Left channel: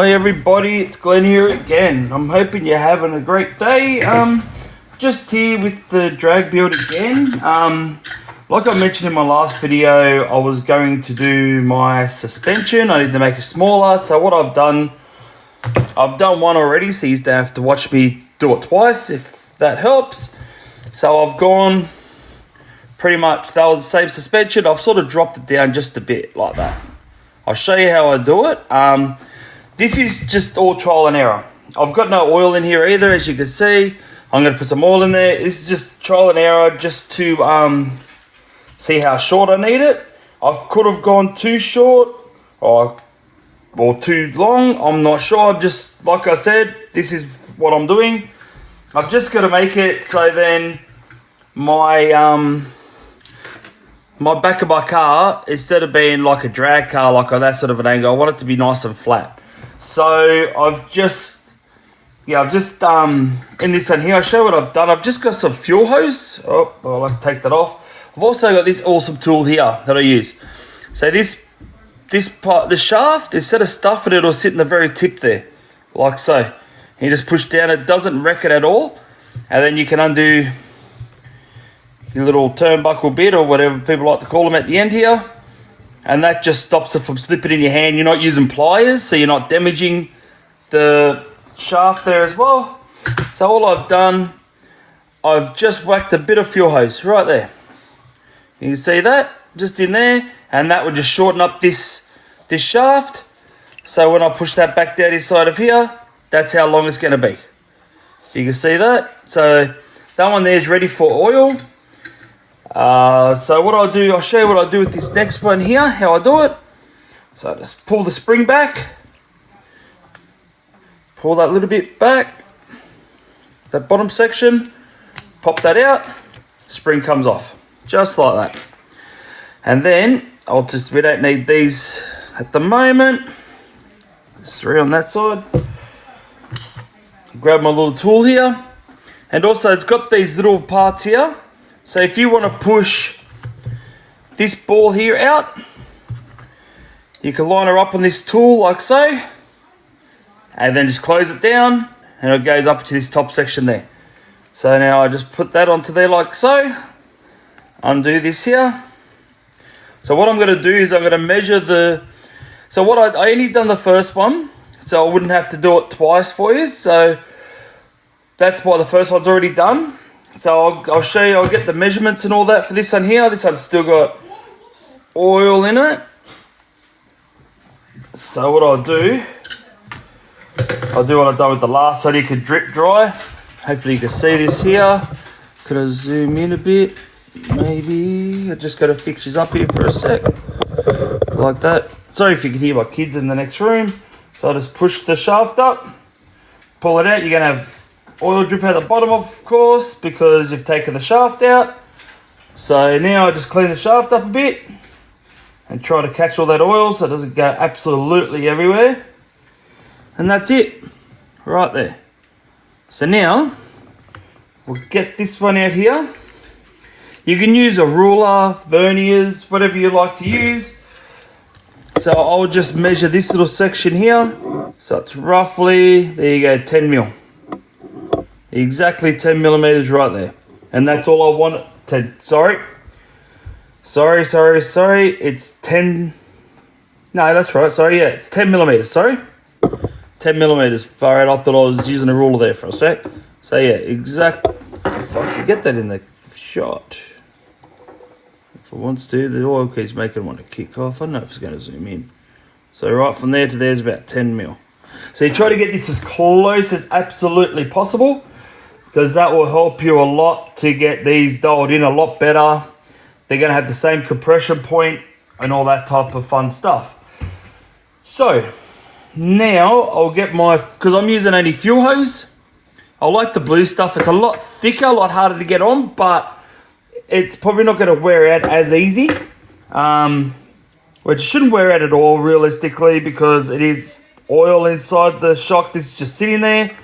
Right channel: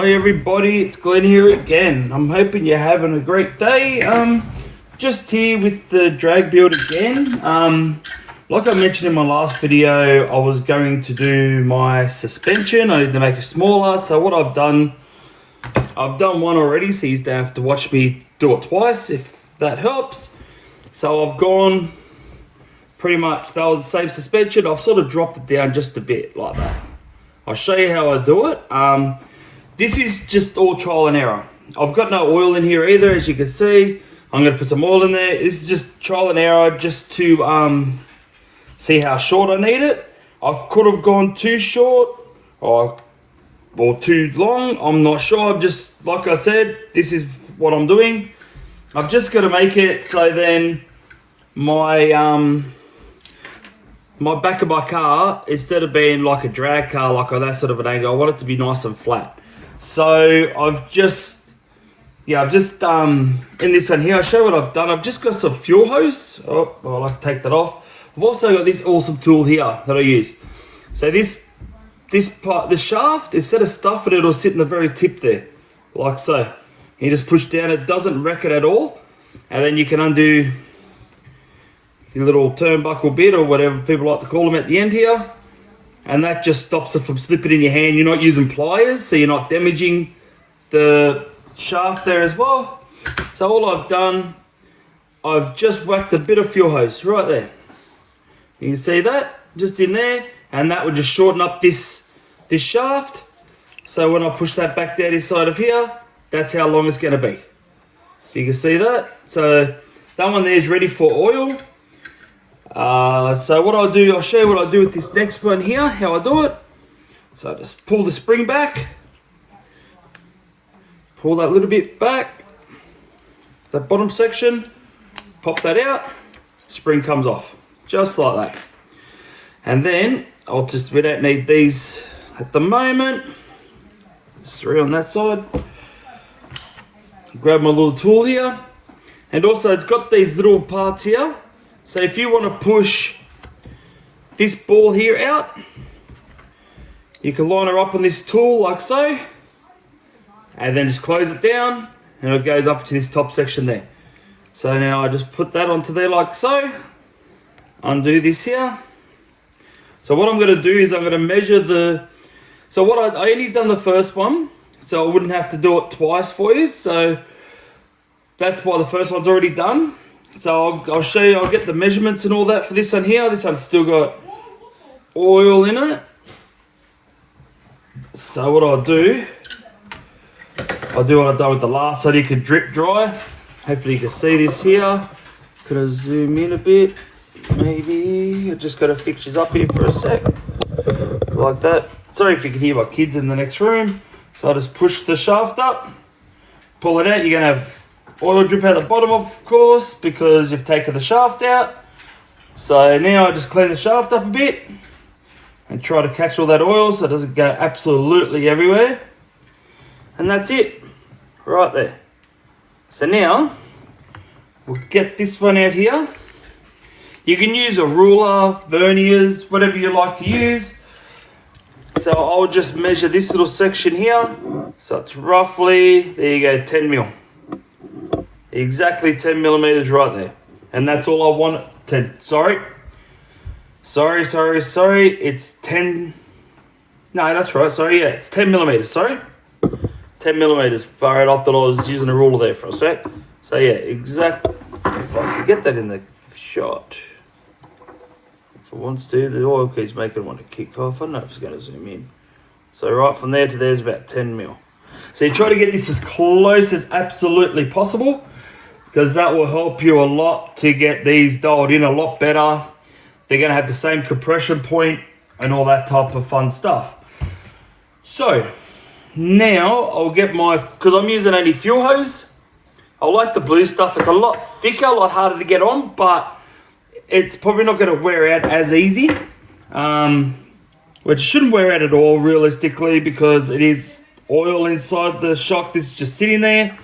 Hi everybody, it's Glen here again. I'm hoping you're having a great day. Just here with the drag build again. Like I mentioned in my last video, I was going to do my suspension. I need to make it smaller. So what I've done one already, so you don't have to watch me do it twice, if that helps. So I've gone pretty much, that was the same suspension. I've sort of dropped it down just a bit like that. I'll show you how I do it. This is just all trial and error. I've got no oil in here either, as you can see. I'm going to put some oil in there. This is just trial and error, just to see how short I need it. I could have gone too short or too long. I'm not sure. Just like I said, this is what I'm doing. I've just got to make it so then my my back of my car, instead of being like a drag car, like that sort of an angle, I want it to be nice and flat. So I've just in this one here, I'll show what I've done. I've just got some fuel hose. Oh, I'll like to take that off. I've also got this awesome tool here that I use. So this part, the shaft, instead of stuffing it, it'll sit in the very tip there, like so. And you just push down, it doesn't wreck it at all. And then you can undo your little turnbuckle bit, or whatever people like to call them, at the end here. And that just stops it from slipping in your hand. You're not using pliers, so you're not damaging the shaft there as well. So all I've done, I've just whacked a bit of fuel hose right there. You can see that, just in there, and that would just shorten up this shaft. So when I push that back down inside of here, that's how long it's going to be. You can see that. So that one there is ready for oil. So what I'll do, I'll show you what I'll do with this next one here, how I do it. So I just pull the spring back, pull that little bit back, that bottom section, pop that out, spring comes off, just like that. And then we don't need these at the moment. Just three on that side. Grab my little tool here, and also it's got these little parts here. So if you want to push this ball here out, you can line her up on this tool like so, and then just close it down, and it goes up to this top section there. So now I just put that onto there like so, undo this here. So what I'm going to do is I'm going to measure so what I only done the first one, so I wouldn't have to do it twice for you. So that's why the first one's already done. So I'll show you, I'll get the measurements and all that for this one here. This one's still got oil in it. So what I'll do what I've done with the last, so you can drip dry. Hopefully you can see this here. Could I zoom in a bit? Maybe. I just got to fix these up here for a sec. Like that. Sorry if you can hear my kids in the next room. So I just push the shaft up, pull it out. You're going to have oil drip at the bottom, of course, because you've taken the shaft out. So now I just clean the shaft up a bit and try to catch all that oil so it doesn't go absolutely everywhere. And that's it, right there. So now we'll get this one out here. You can use a ruler, verniers, whatever you like to use. So I'll just measure this little section here. So it's roughly, there you go, 10 mil. Exactly 10 millimeters right there. And that's all I want. Sorry, it's 10. No, that's right. Sorry, yeah, it's 10 millimeters. Sorry, 10 millimeters. All right, I thought I was using a ruler there for a sec. So yeah, exactly. If I can get that in the shot. If it wants to, the oil keeps making it want to kick off. I don't know if it's going to zoom in. So right from there to there is about 10 mil. So you try to get this as close as absolutely possible, because that will help you a lot to get these dialed in a lot better. They're going to have the same compression point and all that type of fun stuff. So now I'll get because I'm using only fuel hose. I like the blue stuff. It's a lot thicker, a lot harder to get on, but it's probably not going to wear out as easy. Which shouldn't wear out at all realistically, because it is oil inside the shock. This is just sitting there,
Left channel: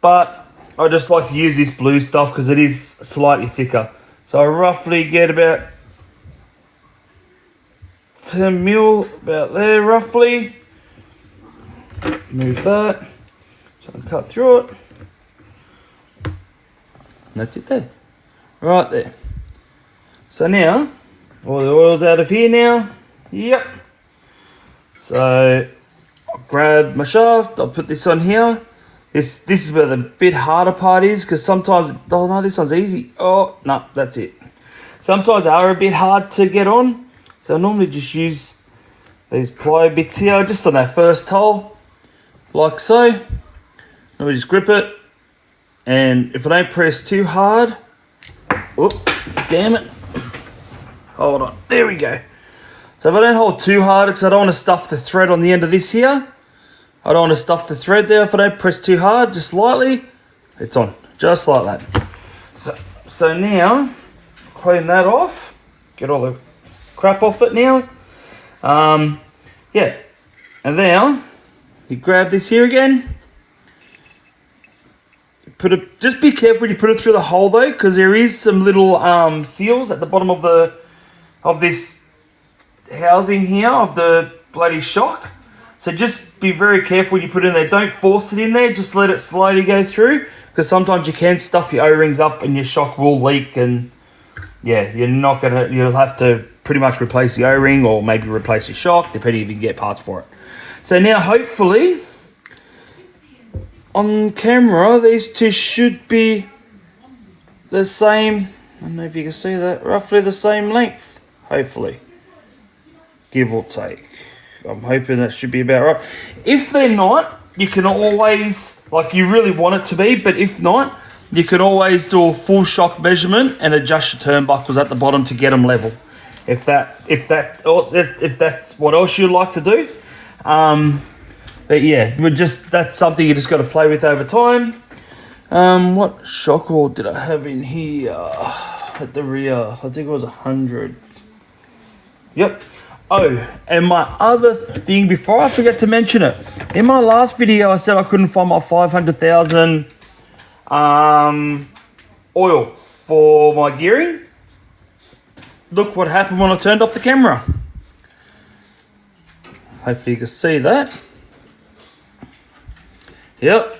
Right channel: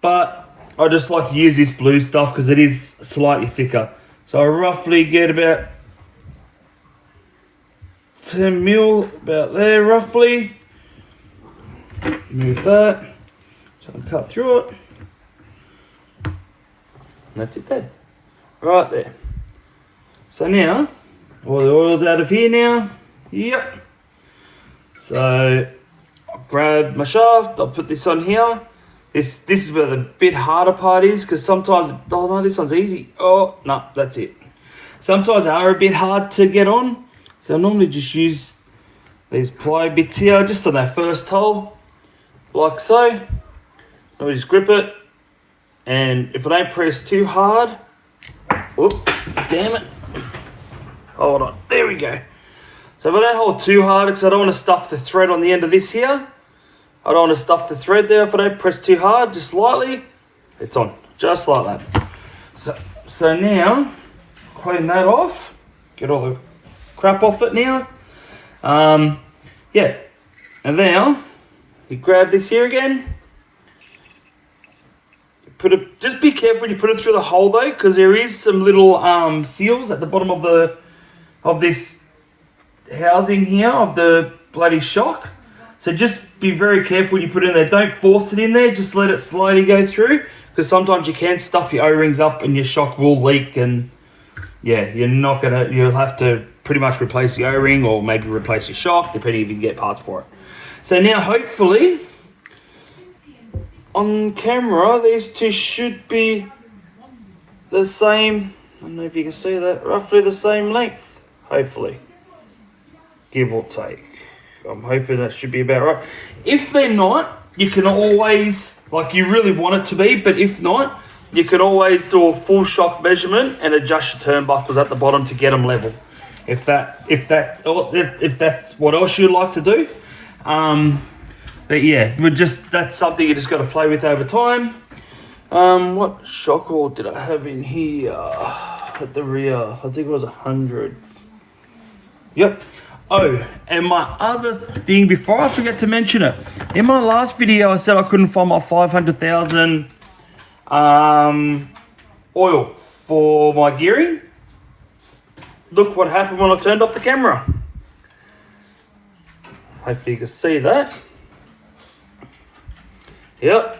but I just like to use this blue stuff because it is slightly thicker. So I roughly get about 10 mil, about there roughly. Move that. So I'll cut through it. And that's it there. Right there. So now, all the oil's out of here now. Yep. So I'll grab my shaft, I'll put this on here. This is where the bit harder part is, because sometimes, oh no, this one's easy. Oh, no, that's it. Sometimes they are a bit hard to get on. So I normally just use these plier bits here, just on that first hole, like so. And we just grip it. And if I don't press too hard, whoop, damn it. Hold on, there we go. So if I don't hold too hard, because I don't want to stuff the thread on the end of this here. I don't want to stuff the thread there. If I don't press too hard, just lightly, it's on, just like that. So now, clean that off, get all the crap off it now. Yeah, and now, you grab this here again, just be careful when you put it through the hole though, because there is some little seals at the bottom of this housing here of the bloody shock. So just be very careful when you put it in there. Don't force it in there, just let it slowly go through, because sometimes you can stuff your O-rings up and your shock will leak, and yeah, you'll have to pretty much replace the O-ring or maybe replace your shock, depending if you can get parts for it. So now hopefully, on camera, these two should be the same, I don't know if you can see that, roughly the same length, hopefully, give or take. I'm hoping that should be about right. If they're not, you can always, like you really want it to be, but if not, you can always do a full shock measurement and adjust your turnbuckles at the bottom to get them level. If that's what else you'd like to do. But yeah, that's something you just got to play with over time. What shock wall did I have in here at the rear? I think it was 100. Yep. Oh, and my other thing, before I forget to mention it, in my last video I said I couldn't find my 500,000 oil for my gearing. Look what happened when I turned off the camera. Hopefully you can see that. Yep,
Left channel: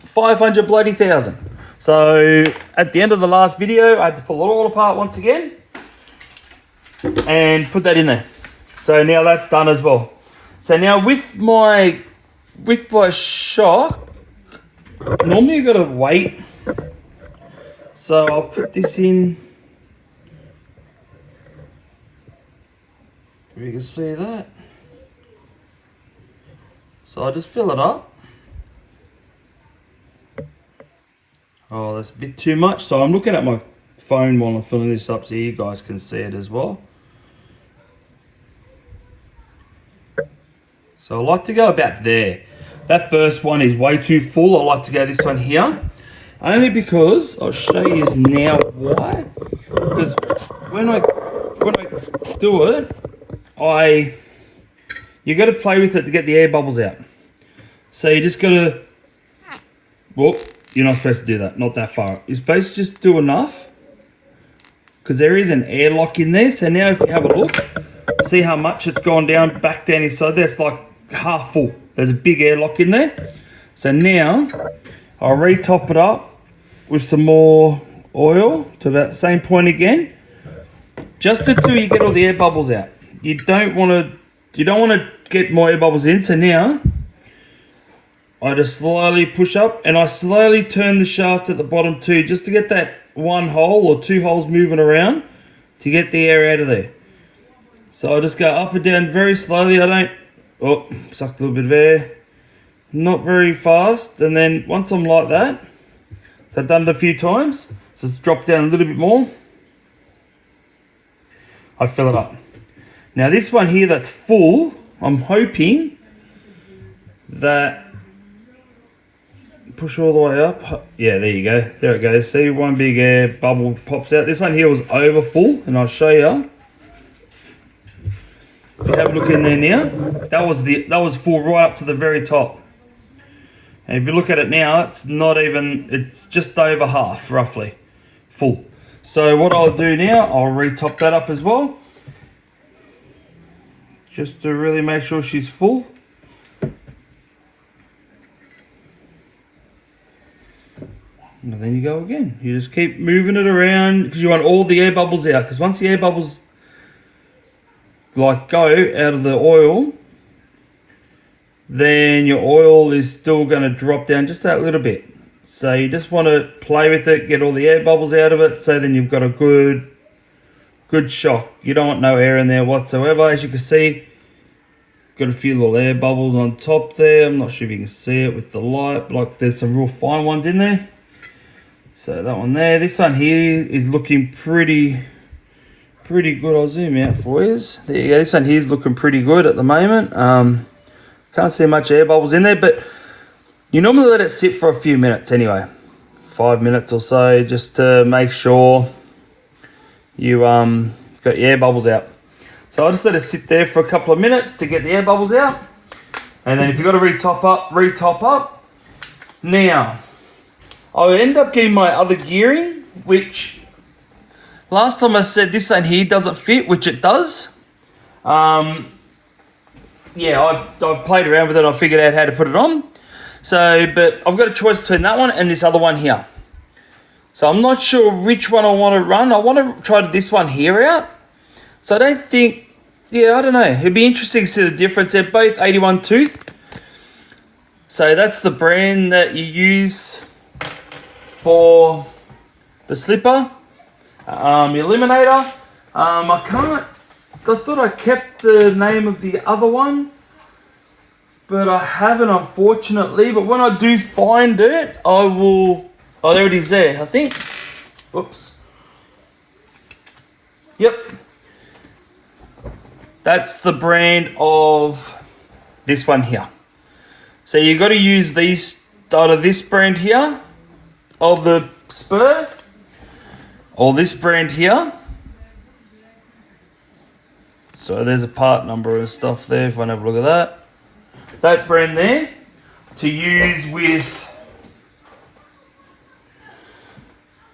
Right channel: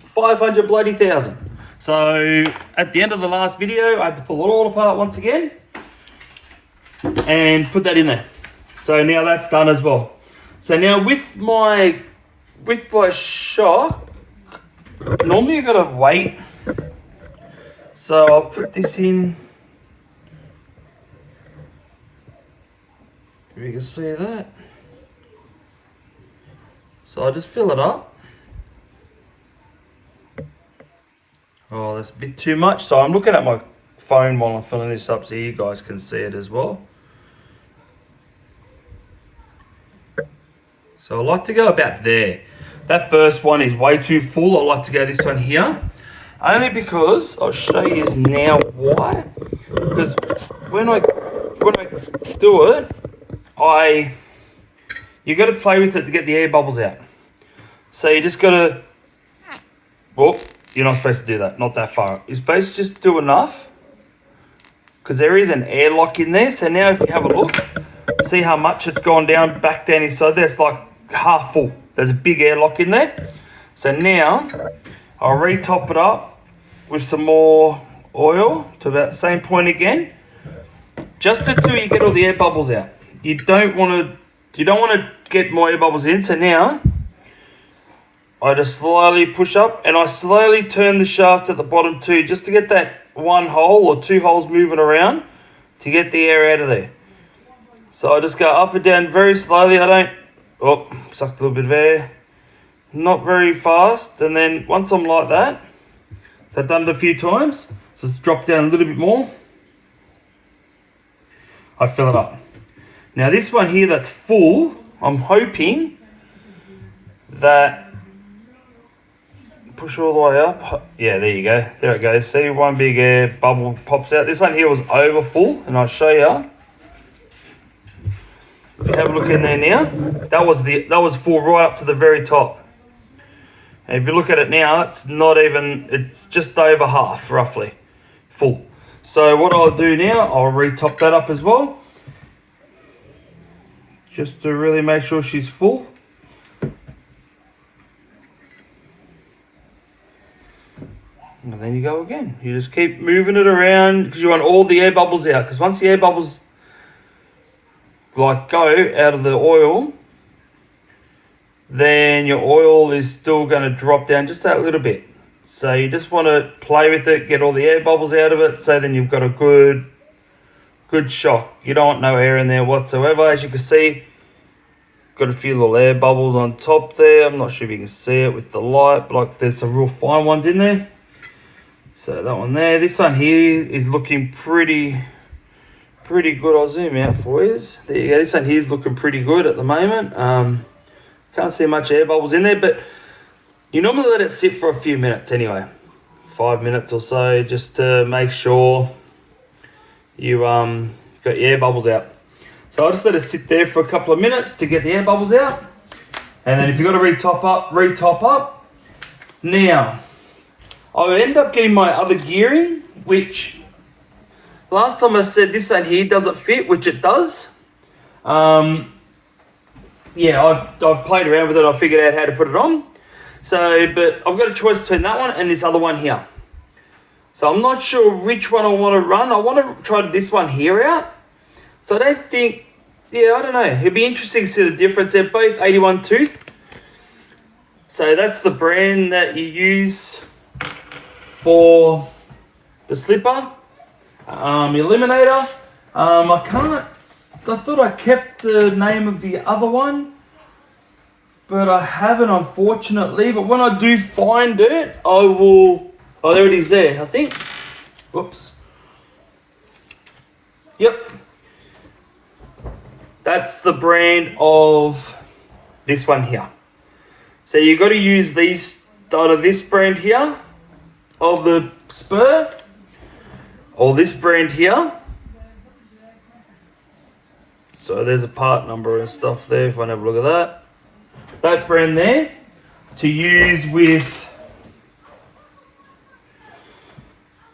500 bloody thousand. So at the end of the last video, I had to pull it all apart once again and put that in there. So now that's done as well. So now with my shock, normally you gotta wait. So I'll put this in. You can see that. So I just fill it up. Oh, that's a bit too much. So I'm looking at my phone while I'm filling this up so you guys can see it as well. So I like to go about there. That first one is way too full. I like to go this one here. Only because, I'll show you now why. Because when I do it, you got to play with it to get the air bubbles out. So you just got to, well, you're not supposed to do that, not that far. You're supposed to just do enough, because there is an airlock in there. So now if you have a look, see how much it's gone back down inside there. It's like half full. There's a big airlock in there. So now I'll re-top it up with some more oil to about the same point again, just until you get all the air bubbles out. You don't want to get more air bubbles in. So now I just slowly push up and I slowly turn the shaft at the bottom too, just to get that one hole or two holes moving around to get the air out of there. So I just go up and down very slowly. I don't, oh, sucked a little bit of air. Not very fast. And then once I'm like that, so I've done it a few times, so it's dropped down a little bit more. I fill it up. Now this one here that's full, I'm hoping that, push all the way up. Yeah, there you go. There it goes. See, one big air bubble pops out. This one here was over full, and I'll show you. If you have a look in there now, that was full right up to the very top. And if you look at it now, it's not even, it's just over half, roughly, full. So what I'll do now, I'll re-top that up as well, just to really make sure she's full. And then you go again. You just keep moving it around because you want all the air bubbles out. Because once the air bubbles like go out of the oil, then your oil is still going to drop down just that little bit. So you just want to play with it, get all the air bubbles out of it, so then you've got a good shock. You don't want no air in there whatsoever. As you can see, got a few little air bubbles on top there. I'm not sure if you can see it with the light, but like there's some real fine ones in there. So that one there. This one here is looking pretty good. I'll zoom out for you. There you go. This one here is looking pretty good at the moment. Can't see much air bubbles in there, but you normally let it sit for a few minutes anyway. 5 minutes or so, just to make sure you got your air bubbles out. So I'll just let it sit there for a couple of minutes to get the air bubbles out. And then if you've got to re-top up. Now, I end up getting my other gearing, which last time I said this one here doesn't fit, which it does. Yeah, I've played around with it, I figured out how to put it on. So, but I've got a choice between that one and this other one here. So I'm not sure which one I want to run. I want to try this one here out. So I don't think, yeah, I don't know. It'd be interesting to see the difference. They're both 81 tooth. So that's the brand that you use for the slipper. Eliminator. I thought I kept the name of the other one, but I haven't, unfortunately. But when I do find it, I will. Oh, there it is there, I think. Whoops. Yep. That's the brand of this one here. So you've got to use these out of this brand here, of the spur, or this brand here. So there's a part number and stuff there, if I have a look at that. That brand there, to use with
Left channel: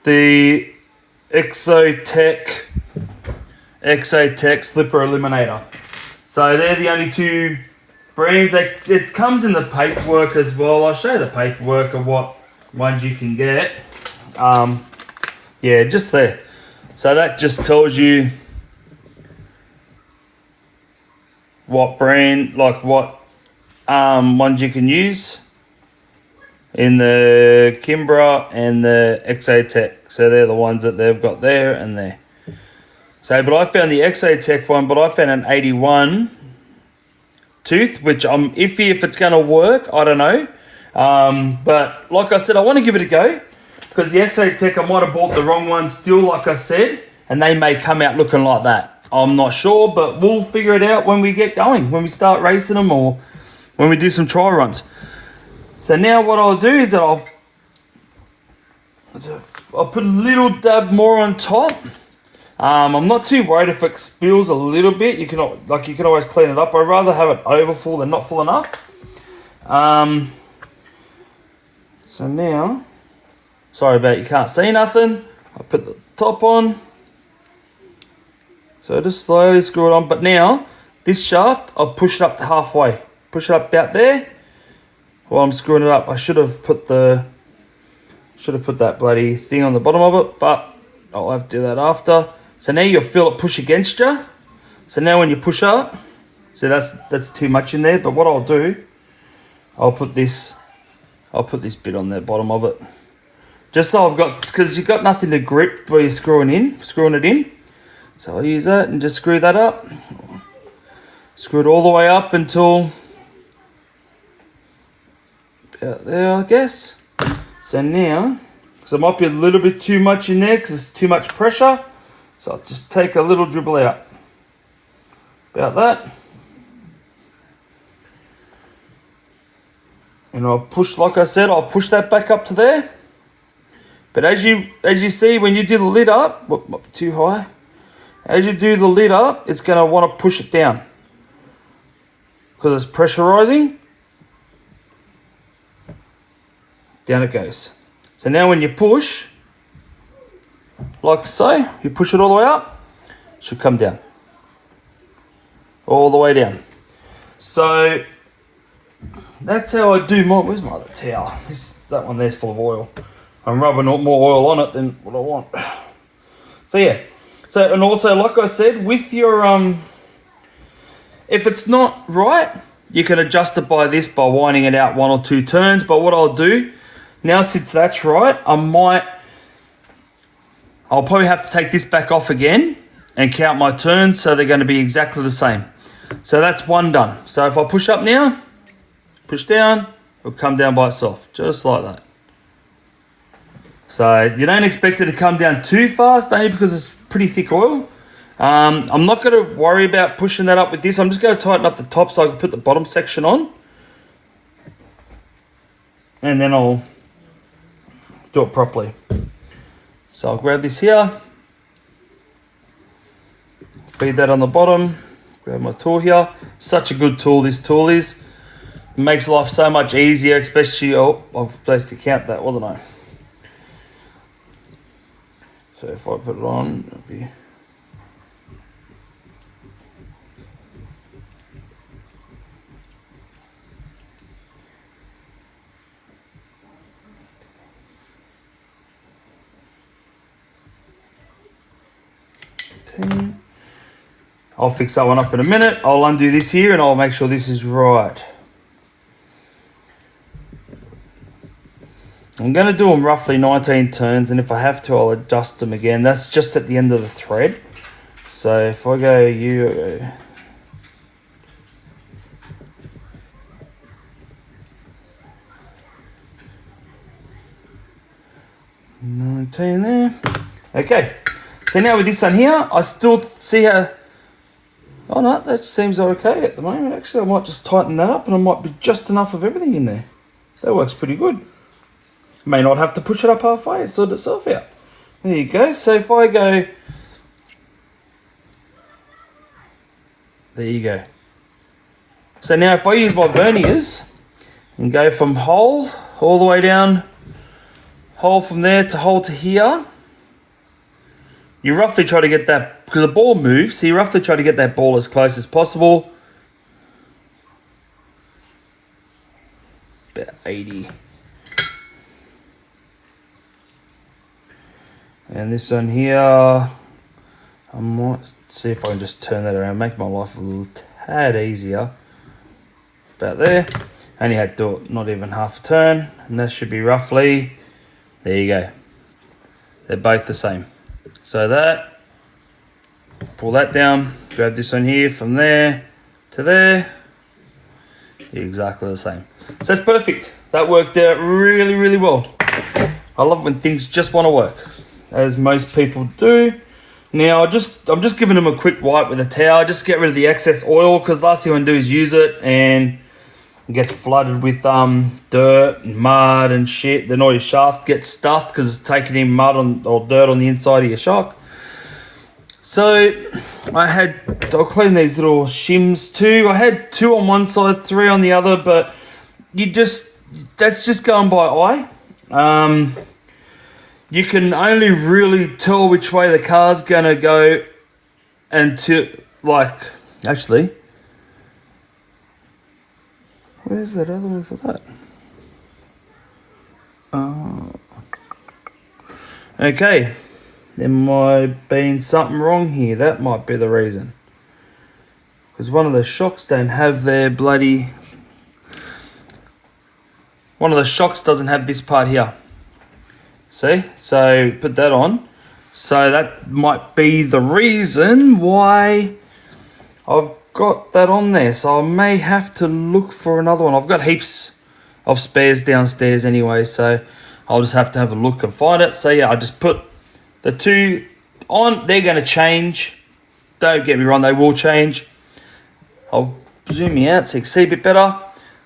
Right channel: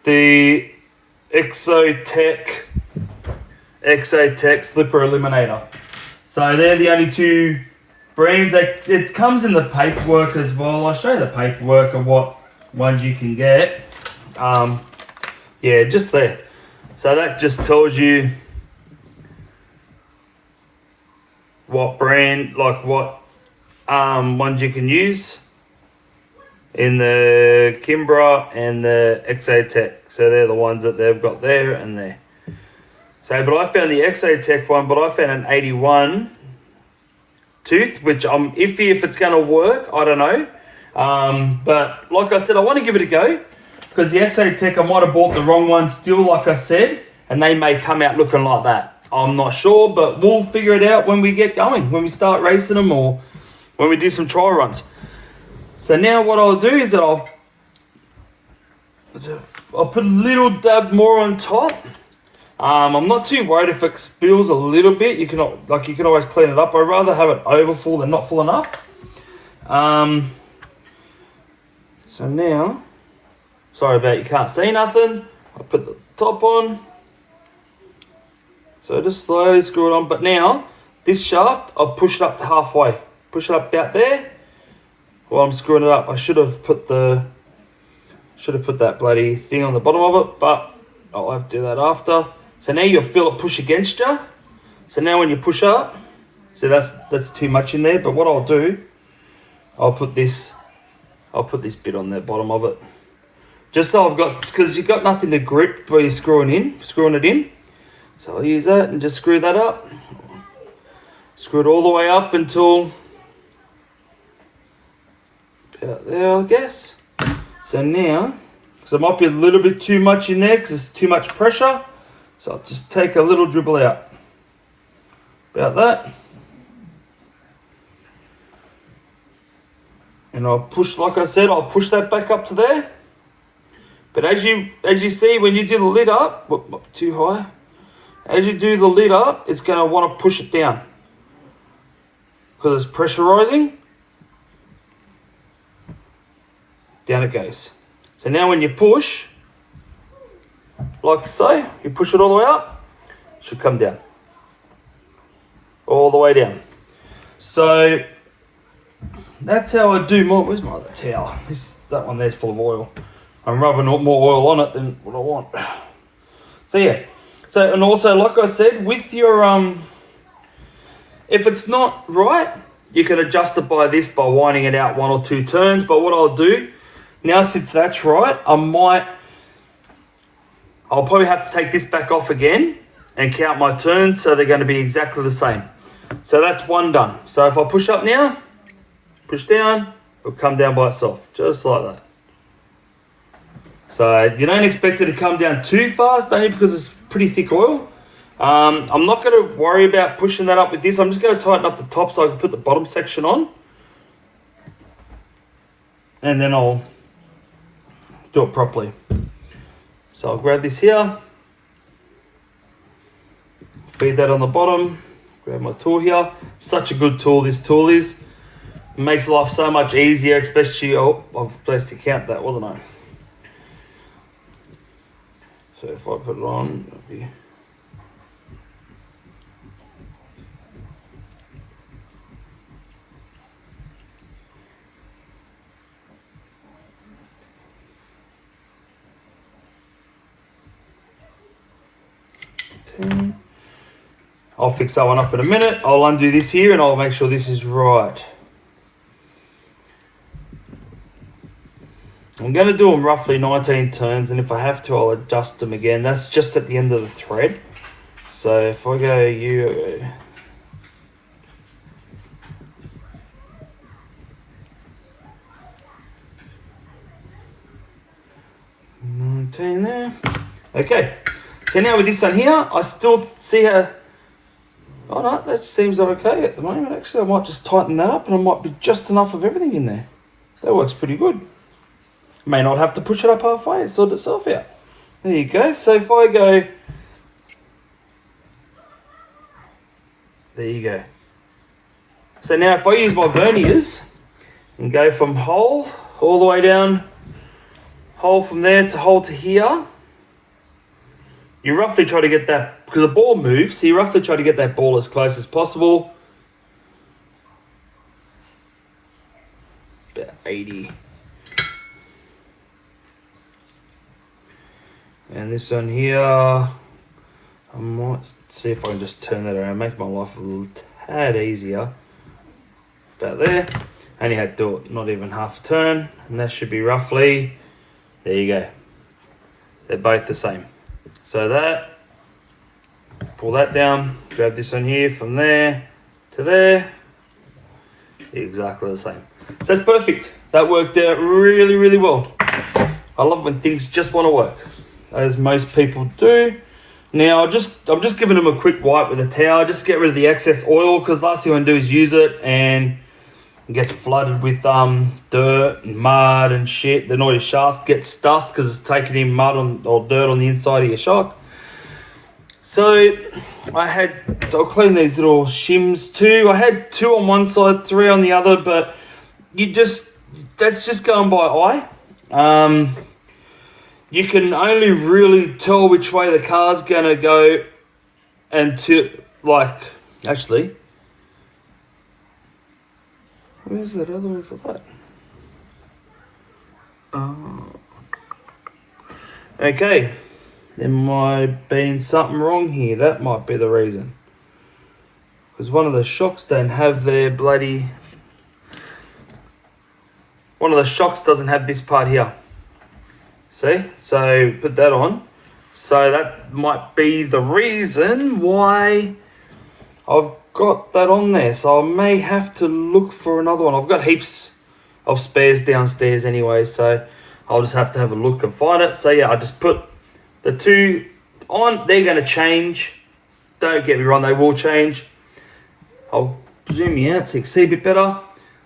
the Exotech Slipper Eliminator. So they're the only two brands. It comes in the paperwork as well. I'll show you the paperwork of what ones you can get. Yeah, just there. So that just tells you what brand, like what ones you can use in the Kimbra and the Exotech. So they're the ones that they've got there and there. So, but I found the Exotech one, but I found an 81 tooth, which I'm iffy if it's going to work. I don't know. But like I said, I want to give it a go, because the Exotech, I might have bought the wrong one still, like I said, and they may come out looking like that. I'm not sure, but we'll figure it out when we get going, when we start racing them, or when we do some trial runs. So now what I'll do is I'll put a little dab more on top. I'm not too worried if it spills a little bit. You can always clean it up. I'd rather have it overfull than not full enough. So now, sorry about you can't see nothing. I'll put the top on. So just slowly screw it on. But now, this shaft, I'll push it up to halfway. Push it up about there. While I'm screwing it up, I should have put that bloody thing on the bottom of it, but I'll have to do that after. So now you'll feel it push against you. So now when you push up, so that's too much in there. But what I'll do, I'll put this bit on the bottom of it, just so I've got, because you've got nothing to grip where you're screwing it in. So I'll use that and just screw that up. Screw it all the way up until about there, I guess. So now, because there might be a little bit too much in there because it's too much pressure, so I'll just take a little dribble out. About that. And I'll push, like I said, I'll push that back up to there. But as you see, when you do the lid up, whoop, too high. As you do the lid up, it's going to want to push it down, because it's pressurizing. Down it goes. So now when you push, like so, you push it all the way up, it should come down. All the way down. So that's how I do my, where's my other towel? That one there's full of oil. I'm rubbing more oil on it than what I want. So yeah, so and also like I said, with your if it's not right, you can adjust it by this by winding it out 1 or 2 turns. But what I'll do now, since that's right, I'll probably have to take this back off again and count my turns, so they're going to be exactly the same. So that's one done. So if I push up now, push down, it'll come down by itself, just like that. So you don't expect it to come down too fast, only because it's pretty thick oil. I'm not going to worry about pushing that up with this. I'm just going to tighten up the top so I can put the bottom section on. And then I'll do it properly. So I'll grab this here, feed that on the bottom, grab my tool here. Such a good tool this tool is. It makes life so much easier, especially, oh, I've supposed to count that, wasn't I? So if I put it on, it'll be... I'll fix that one up in a minute. I'll undo this here and I'll make sure this is right. I'm going to do them roughly 19 turns, and if I have to, I'll adjust them again. That's just at the end of the thread. So if I go you, 19 there. Okay. So now with this one here, I still see how... Oh no, that seems okay at the moment. Actually, I might just tighten that up and I might be just enough of everything in there. That works pretty good. May not have to push it up halfway, sort itself out. There you go. So if I go... There you go. So now if I use my verniers and go from hole all the way down, hole from there to hole to here, you roughly try to get that, because the ball moves, so you roughly try to get that ball as close as possible. About 80. And this one here, I might see if I can just turn that around, make my life a little tad easier. About there. Only had to do it not even half a turn, and that should be roughly, there you go. They're both the same. So that, pull that down, grab this one here from there to there, exactly the same. So that's perfect. That worked out really, really well. I love when things just want to work, as most people do. Now I'm just giving them a quick wipe with a towel, just get rid of the excess oil, because last thing I'm gonna do is use it and it gets flooded with dirt and mud and shit. Then all your shaft gets stuffed because it's taking in mud or dirt on the inside of your shock. So I'll clean these little shims too. I had 2 on one side, 3 on the other, but that's just going by eye. You can only really tell which way the car's gonna go until, like, actually, where's that other way for that? Oh. Okay, there might have been something wrong here. That might be the reason. Because one of the shocks don't have their bloody... One of the shocks doesn't have this part here. See? So put that on. So that might be the reason why I've got that on there. So I may have to look for another one. I've got heaps of spares downstairs anyway, so I'll just have to have a look and find it. So yeah, I just put the 2 on. They're going to change. Don't get me wrong, they will change. I'll zoom you out so you can see a bit better.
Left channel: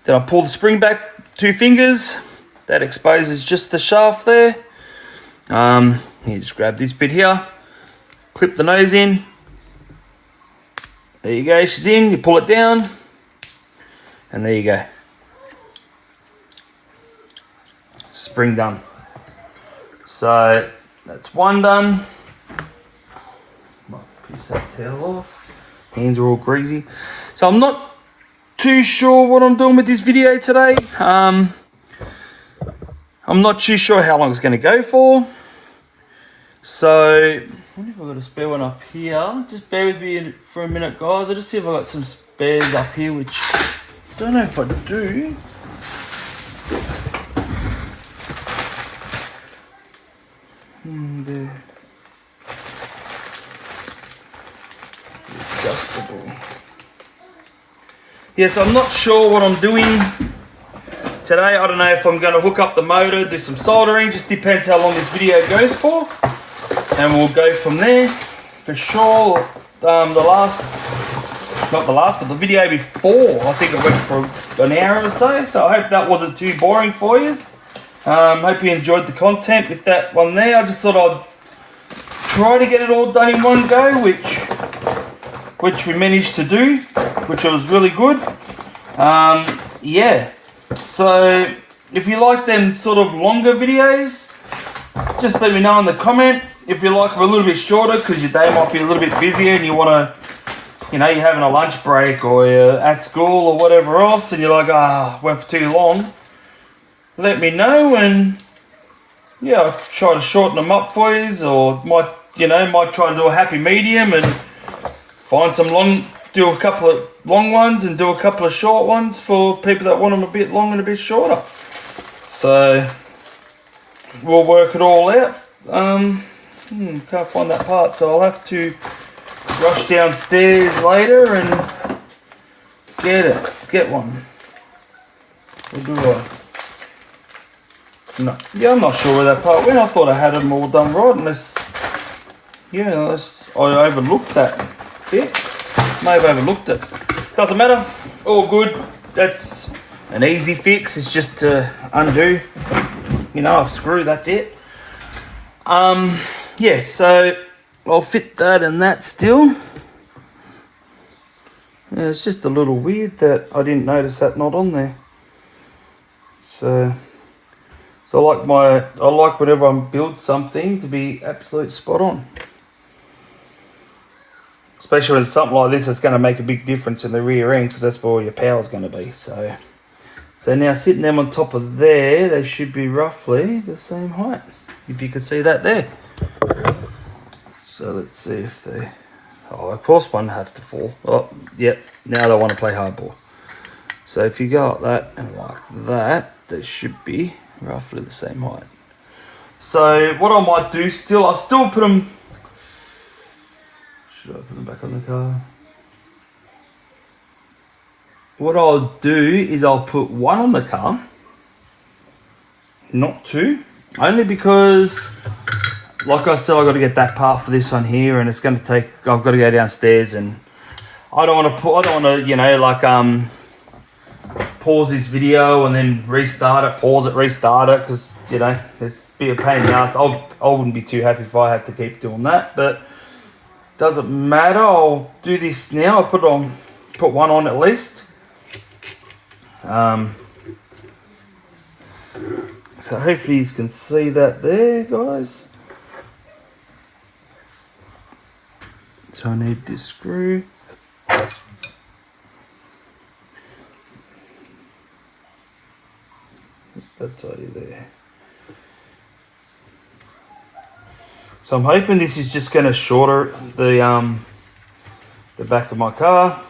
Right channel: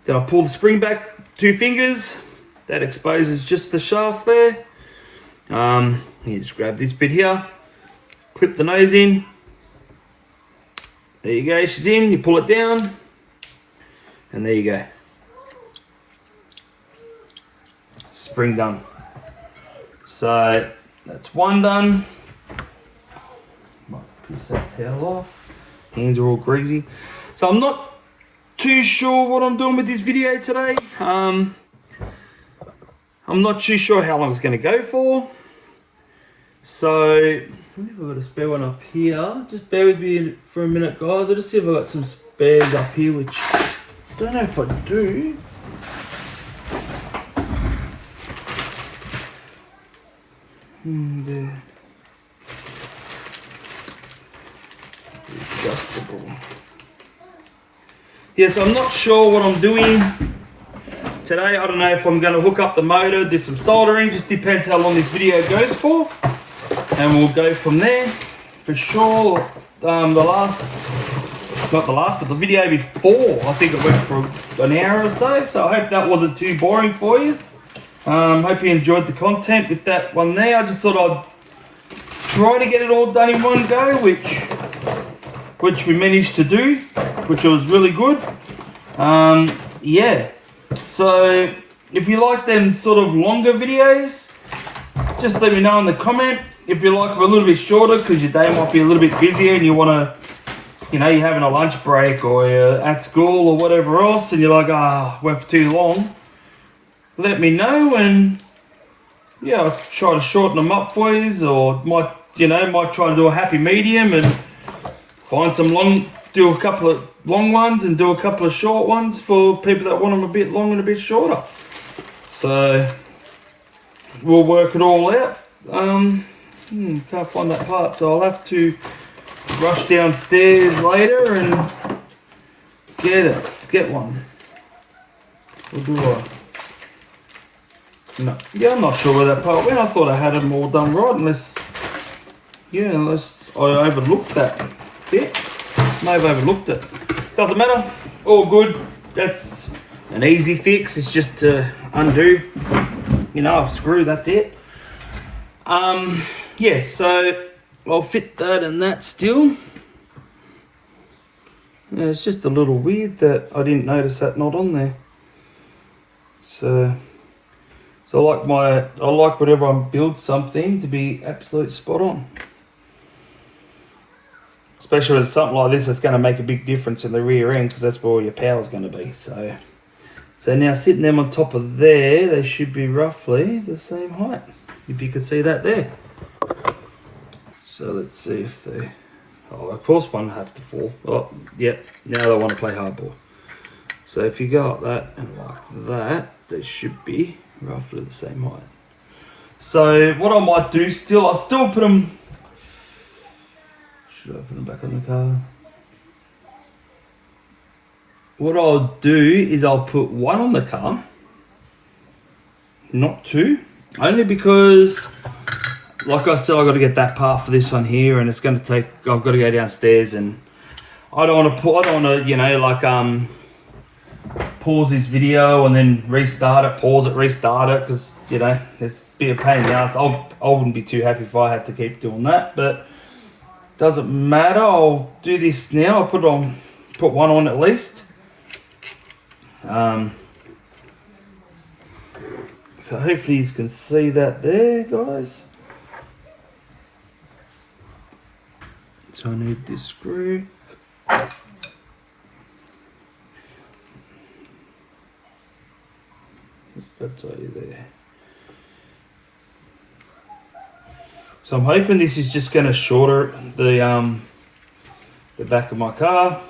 Then I pull the spring back 2 fingers. That exposes just the shaft there. You just grab this bit here, clip the nose in. There you go, she's in. You pull it down, and there you go. Spring done. So that's one done. Might piece that towel off. Hands are all greasy. So I'm not too sure what I'm doing with this video today. I'm I'm not too sure how long it's going to go for. So, I wonder if I've got a spare one up here. Just bear with me for a minute, guys. I'll just see if I've got some spares up here, which I don't know if I do. There. Adjustable. Yes, I'm not sure what I'm doing today. I don't know if I'm going to hook up the motor, do some soldering. Just depends how long this video goes for, and we'll go from there. For sure, not the video before, I think it went for an hour or so. So I hope that wasn't too boring for you. Hope you enjoyed the content with that one there. I just thought I'd try to get it all done in one go, which we managed to do, which was really good. Yeah, so if you like them sort of longer videos, just let me know in the comment. If you like them a little bit shorter because your day might be a little bit busier and you want to, you know, you're having a lunch break or you're at school or whatever else and you're like, went for too long, let me know, and yeah, I'll try to shorten them up for you, or might try to do a happy medium and find do a couple of long ones and do a couple of short ones for people that want them a bit long and a bit shorter. So we'll work it all out. Can't find that part, so I'll have to rush downstairs later and get one. We'll do what? No, yeah, I'm not sure where that part went. I thought I had them all done right, unless I overlooked that bit. May have overlooked it. Doesn't matter. All good. That's an easy fix. It's just to undo, a screw. That's it. Yeah. So I'll fit that and that still. Yeah, it's just a little weird that I didn't notice that not on there. So I like whenever I build something to be absolute spot on. Especially with something like this, it's going to make a big difference in the rear end because that's where all your power is going to be. So now sitting them on top of there, they should be roughly the same height. If you could see that there. So let's see if they. Oh, of course one have to fall. Oh, yep. Now they want to play hardball. So if you go like that and like that, they should be roughly the same height. So what I might do I'll still put them. Should I put them back on the car? What I'll do is I'll put one on the car, not two, only because, like I said, I've got to get that part for this one here, and it's going to take. I've got to go downstairs, and I don't want to pause this video and then restart it, pause it, restart it, because it's be a pain in the ass. I wouldn't be too happy if I had to keep doing that, but doesn't matter. I'll do this now. I'll put one on at least. So hopefully you can see that there, guys. So I need this screw. That's all you there. So I'm hoping this is just going to shorter the back of my car,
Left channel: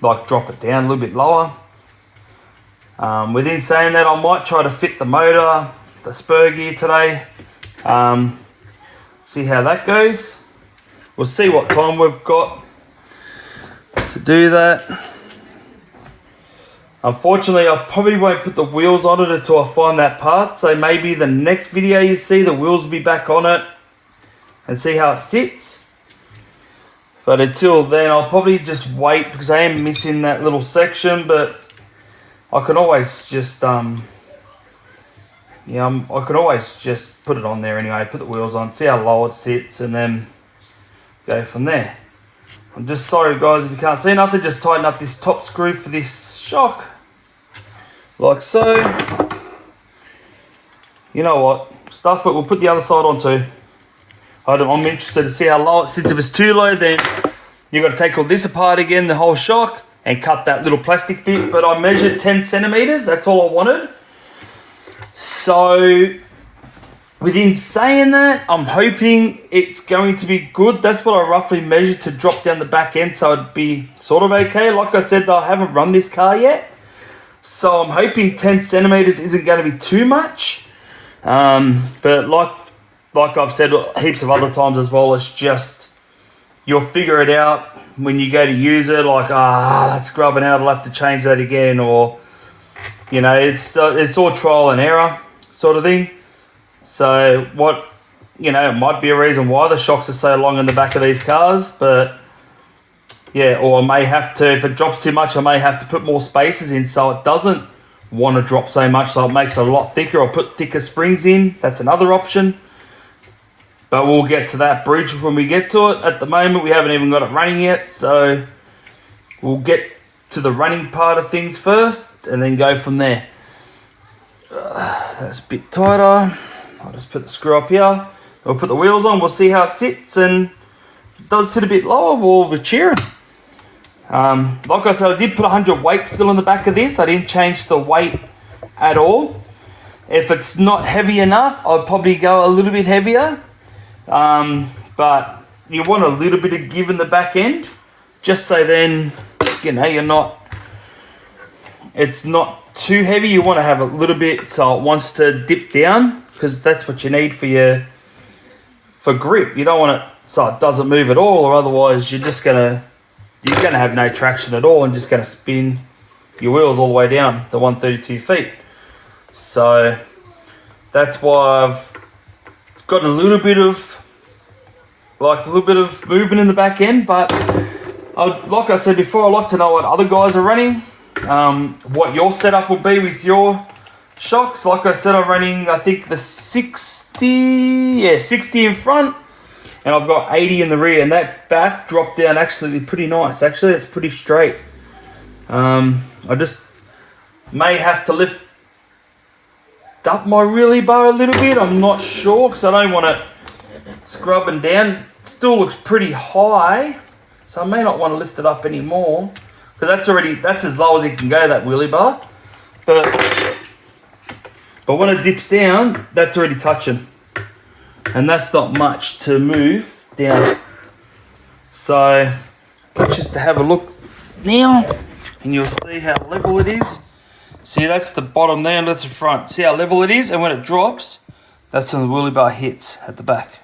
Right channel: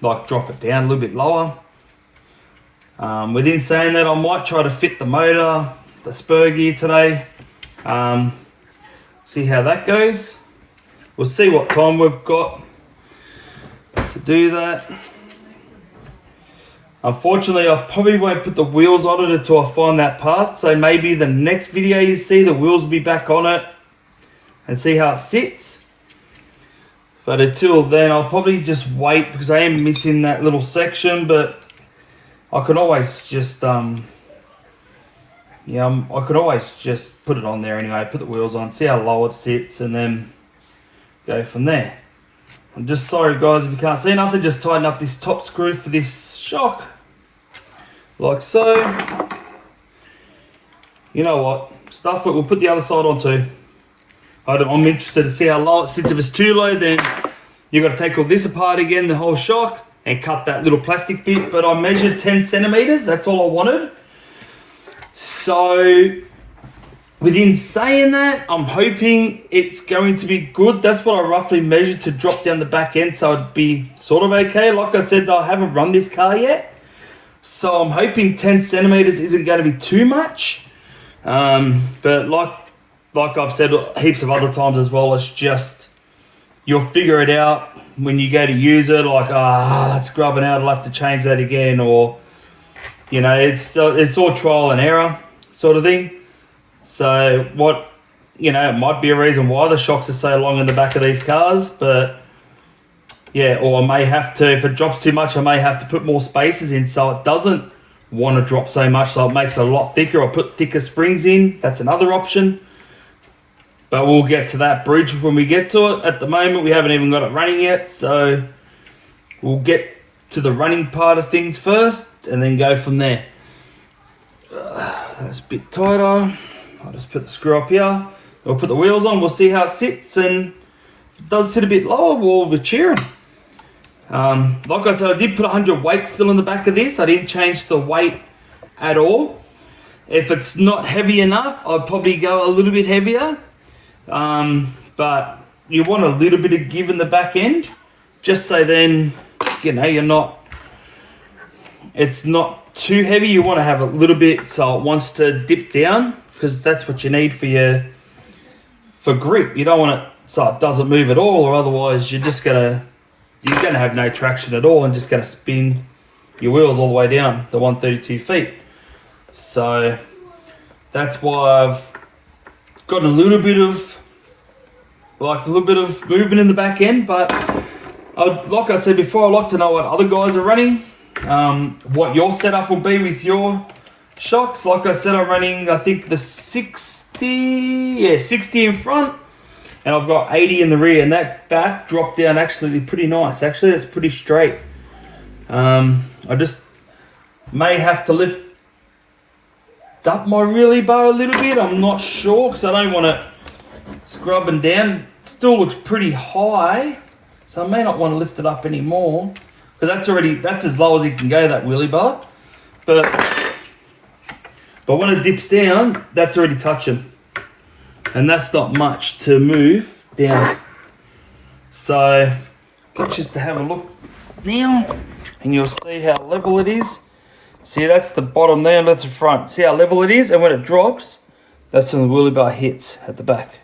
like drop it down a little bit lower. Within saying that, I might try to fit the motor, the spur gear today. See how that goes. We'll see what time we've got to do that. Unfortunately, I probably won't put the wheels on it until I find that part. So maybe the next video you see, the wheels will be back on it and see how it sits. But until then, I'll probably just wait because I am missing that little section. But I can always just, I can always just put it on there anyway. Put the wheels on, see how low it sits, and then go from there. I'm just sorry, guys, if you can't see nothing. Just tighten up this top screw for this shock. Like so. You know what? Stuff it. We'll put the other side on too. I'm interested to see how low it sits. If it's too low, then you've got to take all this apart again, the whole shock, and cut that little plastic bit. But I measured 10 centimeters. That's all I wanted. So within saying that, I'm hoping it's going to be good. That's what I roughly measured to drop down the back end, so it'd be sort of okay. Like I said, I haven't run this car yet, so I'm hoping 10 centimeters isn't going to be too much. But like I've said heaps of other times as well, it's just, you'll figure it out when you go to use it, like, that's grubbing out, I'll have to change that again, or, you know, it's all trial and error sort of thing. So what, you know, it might be a reason why the shocks are so long in the back of these cars, but yeah, or I may have to, if it drops too much, I may have to put more spacers in so it doesn't want to drop so much, so it makes it a lot thicker. I'll put thicker springs in, that's another option. But we'll get to that bridge when we get to it. At the moment, we haven't even got it running yet, so we'll get to the running part of things first and then go from there. That's a bit tighter. I'll just put the screw up here. We'll put the wheels on, we'll see how it sits, and if it does sit a bit lower, we'll be cheering. Like I said, I did put 100 weight still in the back of this. I didn't change the weight at all. If it's not heavy enough, I'd probably go a little bit heavier. But you want a little bit of give in the back end, just so then, you know, it's not too heavy. You want to have a little bit so it wants to dip down, because that's what you need for grip. You don't want it so it doesn't move at all, or otherwise you're gonna have no traction at all and just gonna spin your wheels all the way down the 132 feet. So that's why I've got a little bit of movement in the back end, but like I said before, I'd like to know what other guys are running, what your setup will be with your shocks. Like I said, I'm running, I think, the 60 in front, and I've got 80 in the rear, and that back drop down actually pretty nice. Actually, it's pretty straight. I just may have to lift up my wheelie bar a little bit. I'm not sure, because I don't want it scrubbing down. It still looks pretty high, so I may not want to lift it up anymore, because that's as low as it can go, that wheelie bar. But when it dips down, that's already touching, and that's not much to move down. So just to have a look now, and you'll see how level it is. See, that's the bottom there, and that's the front. See how level it is, and when it drops, that's when the wheelie bar hits at the back.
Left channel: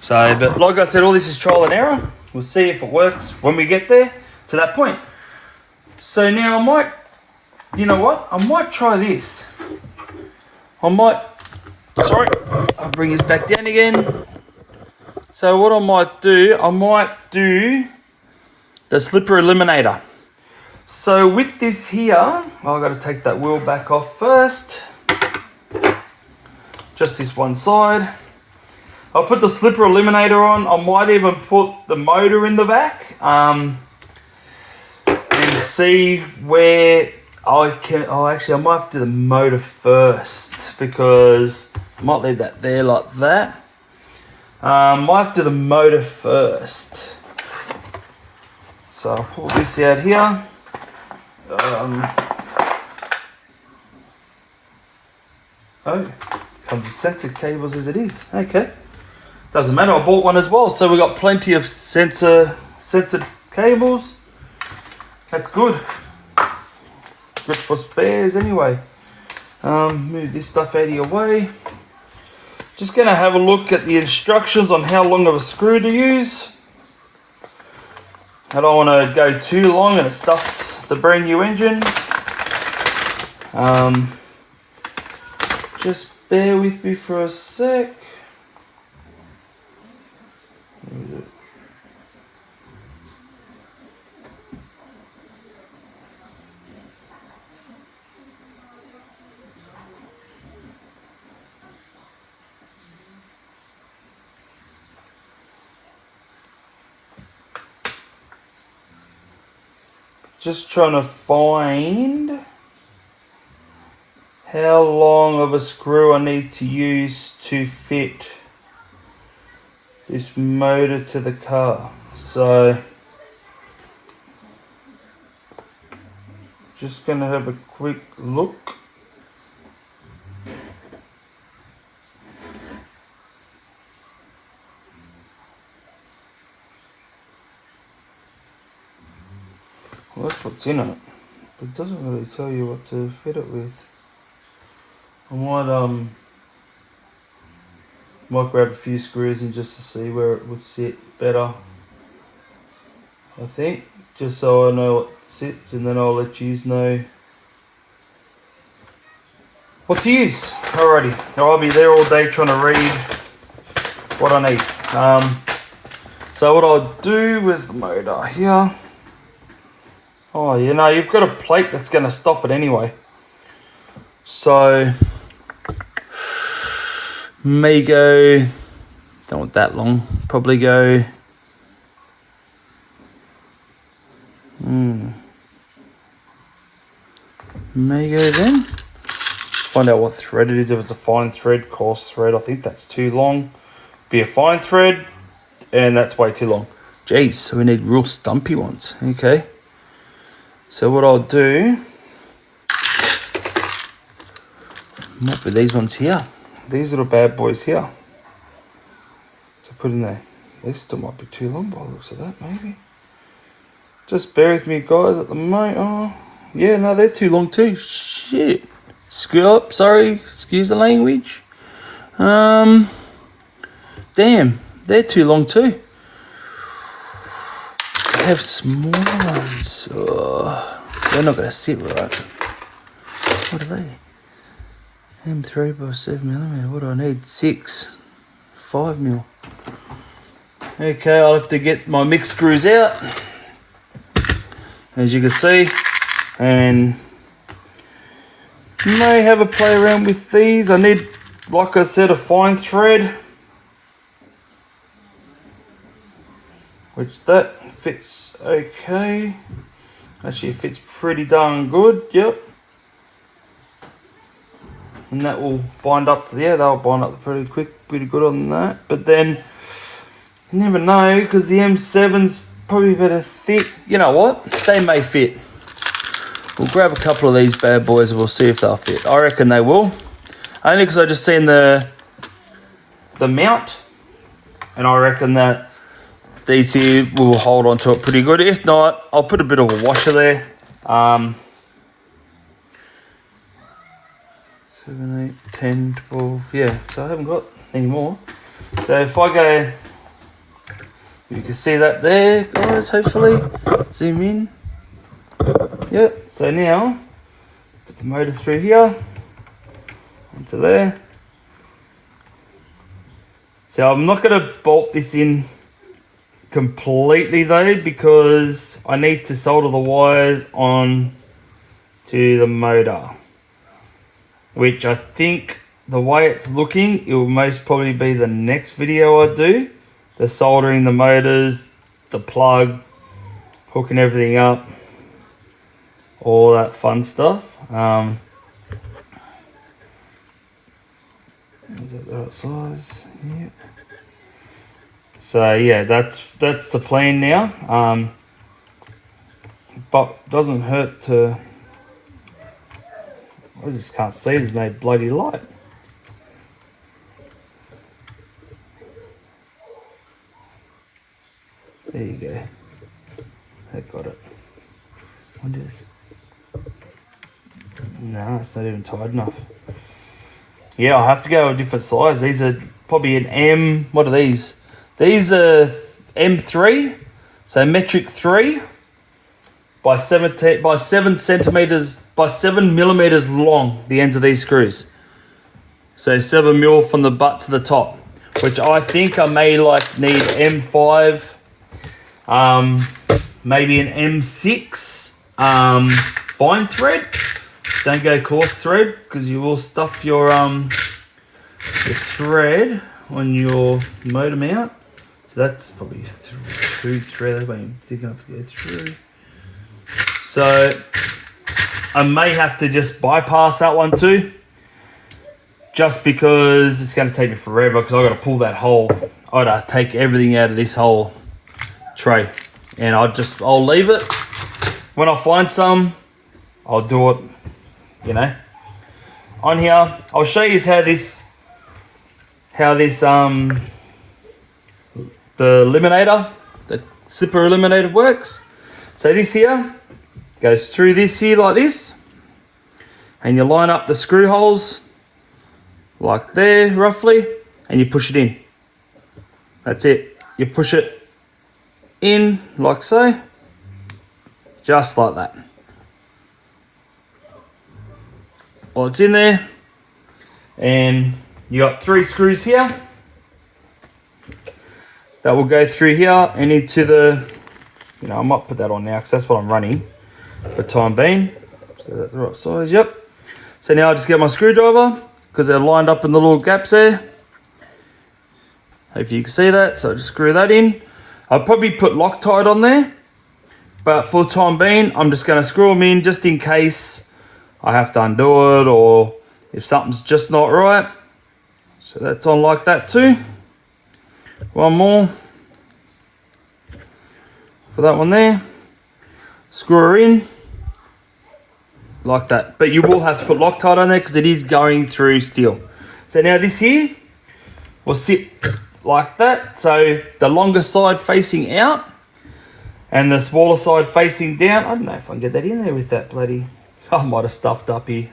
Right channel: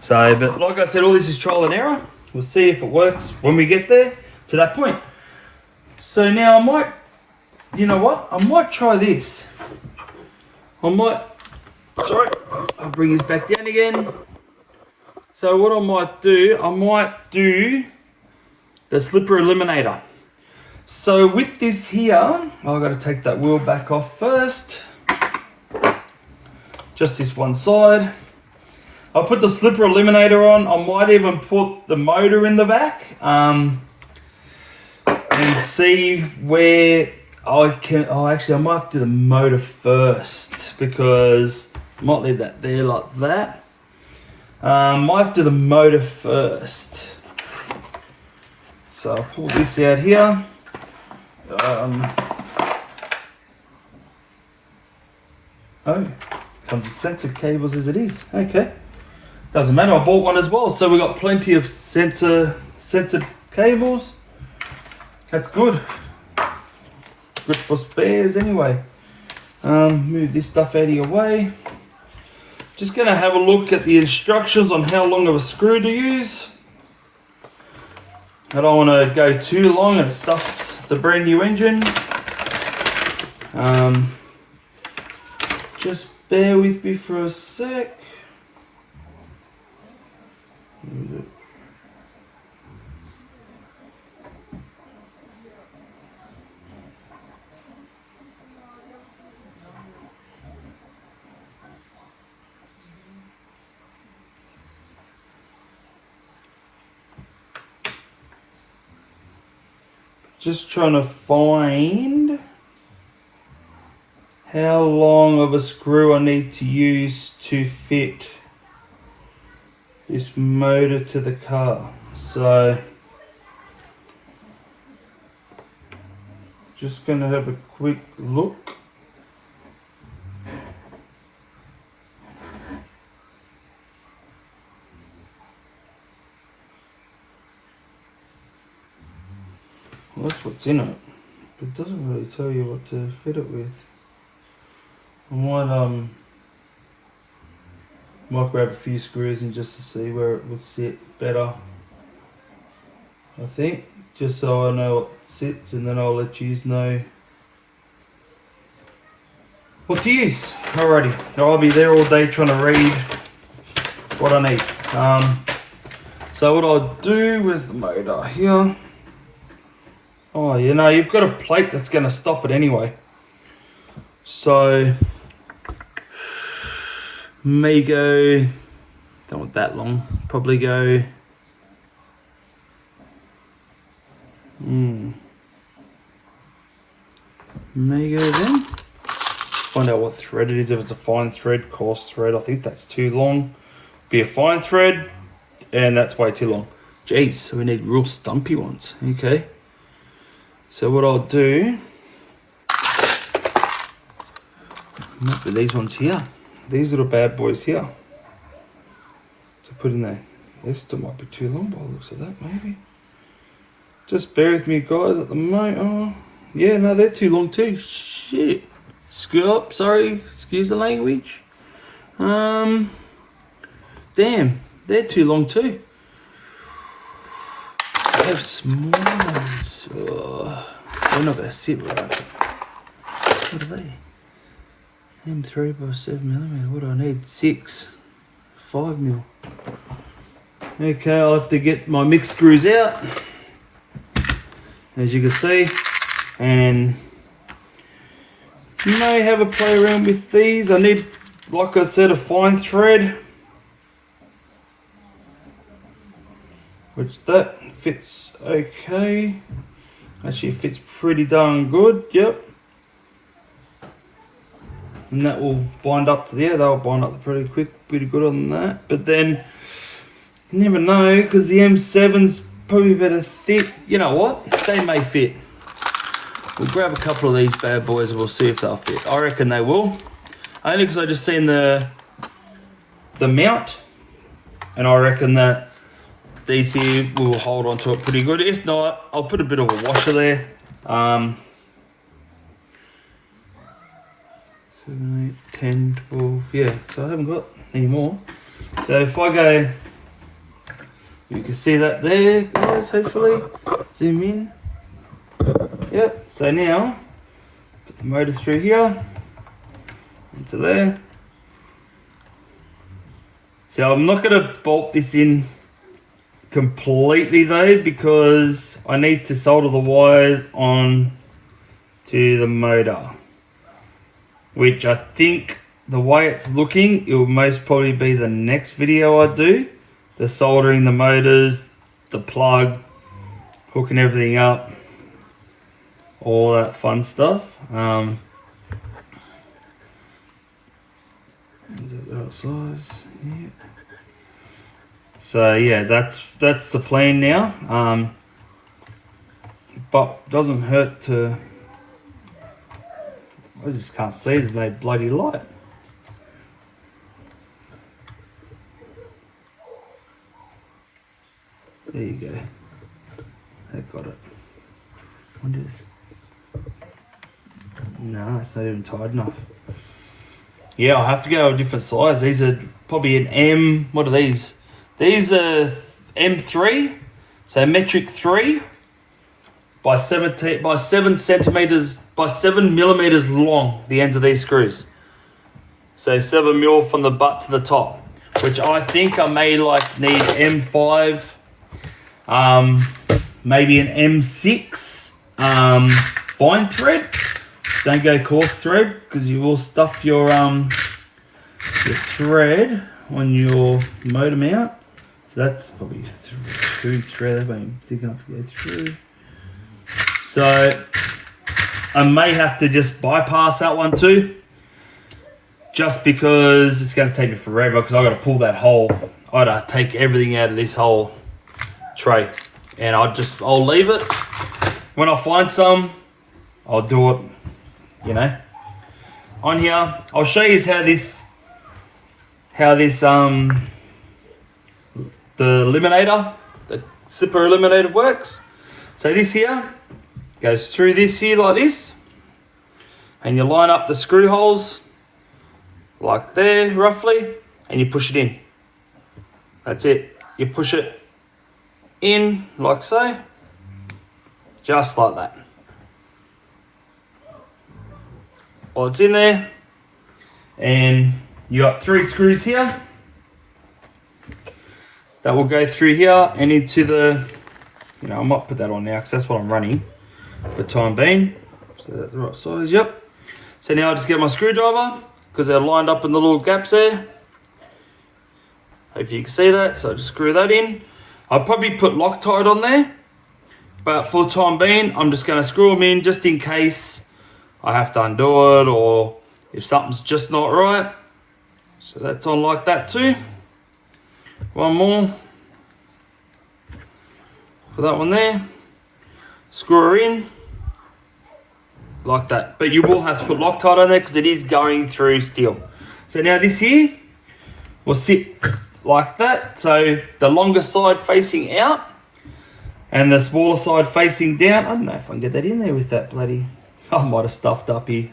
So, but like I said, all this is trial and error. We'll see if it works when we get there to that point. So now you know what? I might try this. Sorry, I'll bring this back down again. So what I might do the slipper eliminator. So with this here, I've got to take that wheel back off first. Just this one side. I'll put the slipper eliminator on. I might even put the motor in the back, and see where I can. Actually, I might have to do the motor first, because I might leave that there like that. Might have to do the motor first. So I'll pull this out here. Comes with sensor cables as it is. Okay. Doesn't matter, I bought one as well, so we got plenty of sensor cables. That's good. Good for spares anyway. Move this stuff out of your way. Just going to have a look at the instructions on how long of a screw to use. I don't want to go too long and it stuffs the brand new engine. Just bear with me for a sec. Just trying to find how long of a screw I need to use to fit this motor to the car. So just going to have a quick look. what's in it. It doesn't really tell you what to fit it with. I might grab a few screws in just to see where it would sit better. I think, just so I know what sits, and then I'll let you know what to use. Alrighty, I'll be there all day trying to read what I need. So what I'll do is the motor here. Oh, you know, you've got a plate that's going to stop it anyway. So, may go, don't want that long, probably go, may go then. Find out what thread it is, if it's a fine thread, coarse thread. I think that's too long. Be a fine thread, and that's way too long. Jeez, so we need real stumpy ones. Okay. So what I'll do, might be these ones here. These little bad boys here. To put in there. This still might be too long by the looks of that, maybe. Just bear with me, guys, at the moment. Oh, yeah, no, they're too long too. Shit. Screw up, sorry, excuse the language. Damn, they're too long too. I have small ones. Oh, they're not gonna sit right. What are they? M3 by 7mm. What do I need? 5mm. Okay, I'll have to get my mix screws out, as you can see, and may have a play around with these. I need, like I said, a fine thread, which that fits okay. Actually, it fits pretty darn good. Yep. And that will bind up to there. They'll bind up pretty quick, pretty good on that. But then you never know, because the M7's probably better thick. You know what? They may fit. We'll grab a couple of these bad boys and we'll see if they'll fit. I reckon they will. Only because I just seen the mount, and I reckon that these here will hold on to it pretty good. If not, I'll put a bit of a washer there. 7, 8, 10, 12, yeah, so I haven't got any more. So if I go, you can see that there, guys, hopefully. Zoom in. Yeah, so now, put the motor through here, into there. So I'm not going to bolt this in completely though, because I need to solder the wires on to the motor, which I think the way it's looking, it will most probably be the next video I do. The soldering the motors, the plug, hooking everything up, all that fun stuff. Is that the right size? Yeah. So yeah, that's the plan now. But doesn't hurt to. I just can't see. There's no bloody light. There you go. I got it. No, it's not even tight enough. Yeah, I'll have to go a different size. These are probably an M. What are these? These are M3, so metric 3 by 7 centimeters by 7mm long. The ends of these screws. So 7mm from the butt to the top, which I think I may need M5, maybe an M6 fine thread. Don't go coarse thread, because you will stuff your thread on your motor mount. So that's probably through thread. That ain't thick enough to go through. So I may have to just bypass that one too, just because it's going to take me forever, because I got to pull that hole. I got to take everything out of this whole tray, and I'll leave it. When I find some, I'll do it. You know, on here I'll show you how this the eliminator, the zipper eliminator works. So this here, Goes through this here like this, and you line up the screw holes like there roughly, and you push it in. That's it. You push it in like so, just like that. Well, it's in there, and you got 3 screws here that will go through here and into the, I might put that on now because that's what I'm running for the time being. So that's the right size, yep. So now I just get my screwdriver because they're lined up in the little gaps there. If you can see that, so just screw that in. I'll probably put Loctite on there, but for the time being, I'm just going to screw them in just in case I have to undo it or if something's just not right. So that's on like that too. One more for that one there. Screw her in like that. But you will have to put Loctite on there because it is going through steel. So now this here will sit like that. So the longer side facing out and the smaller side facing down. I don't know if I can get that in there with that bloody... I might have stuffed up here.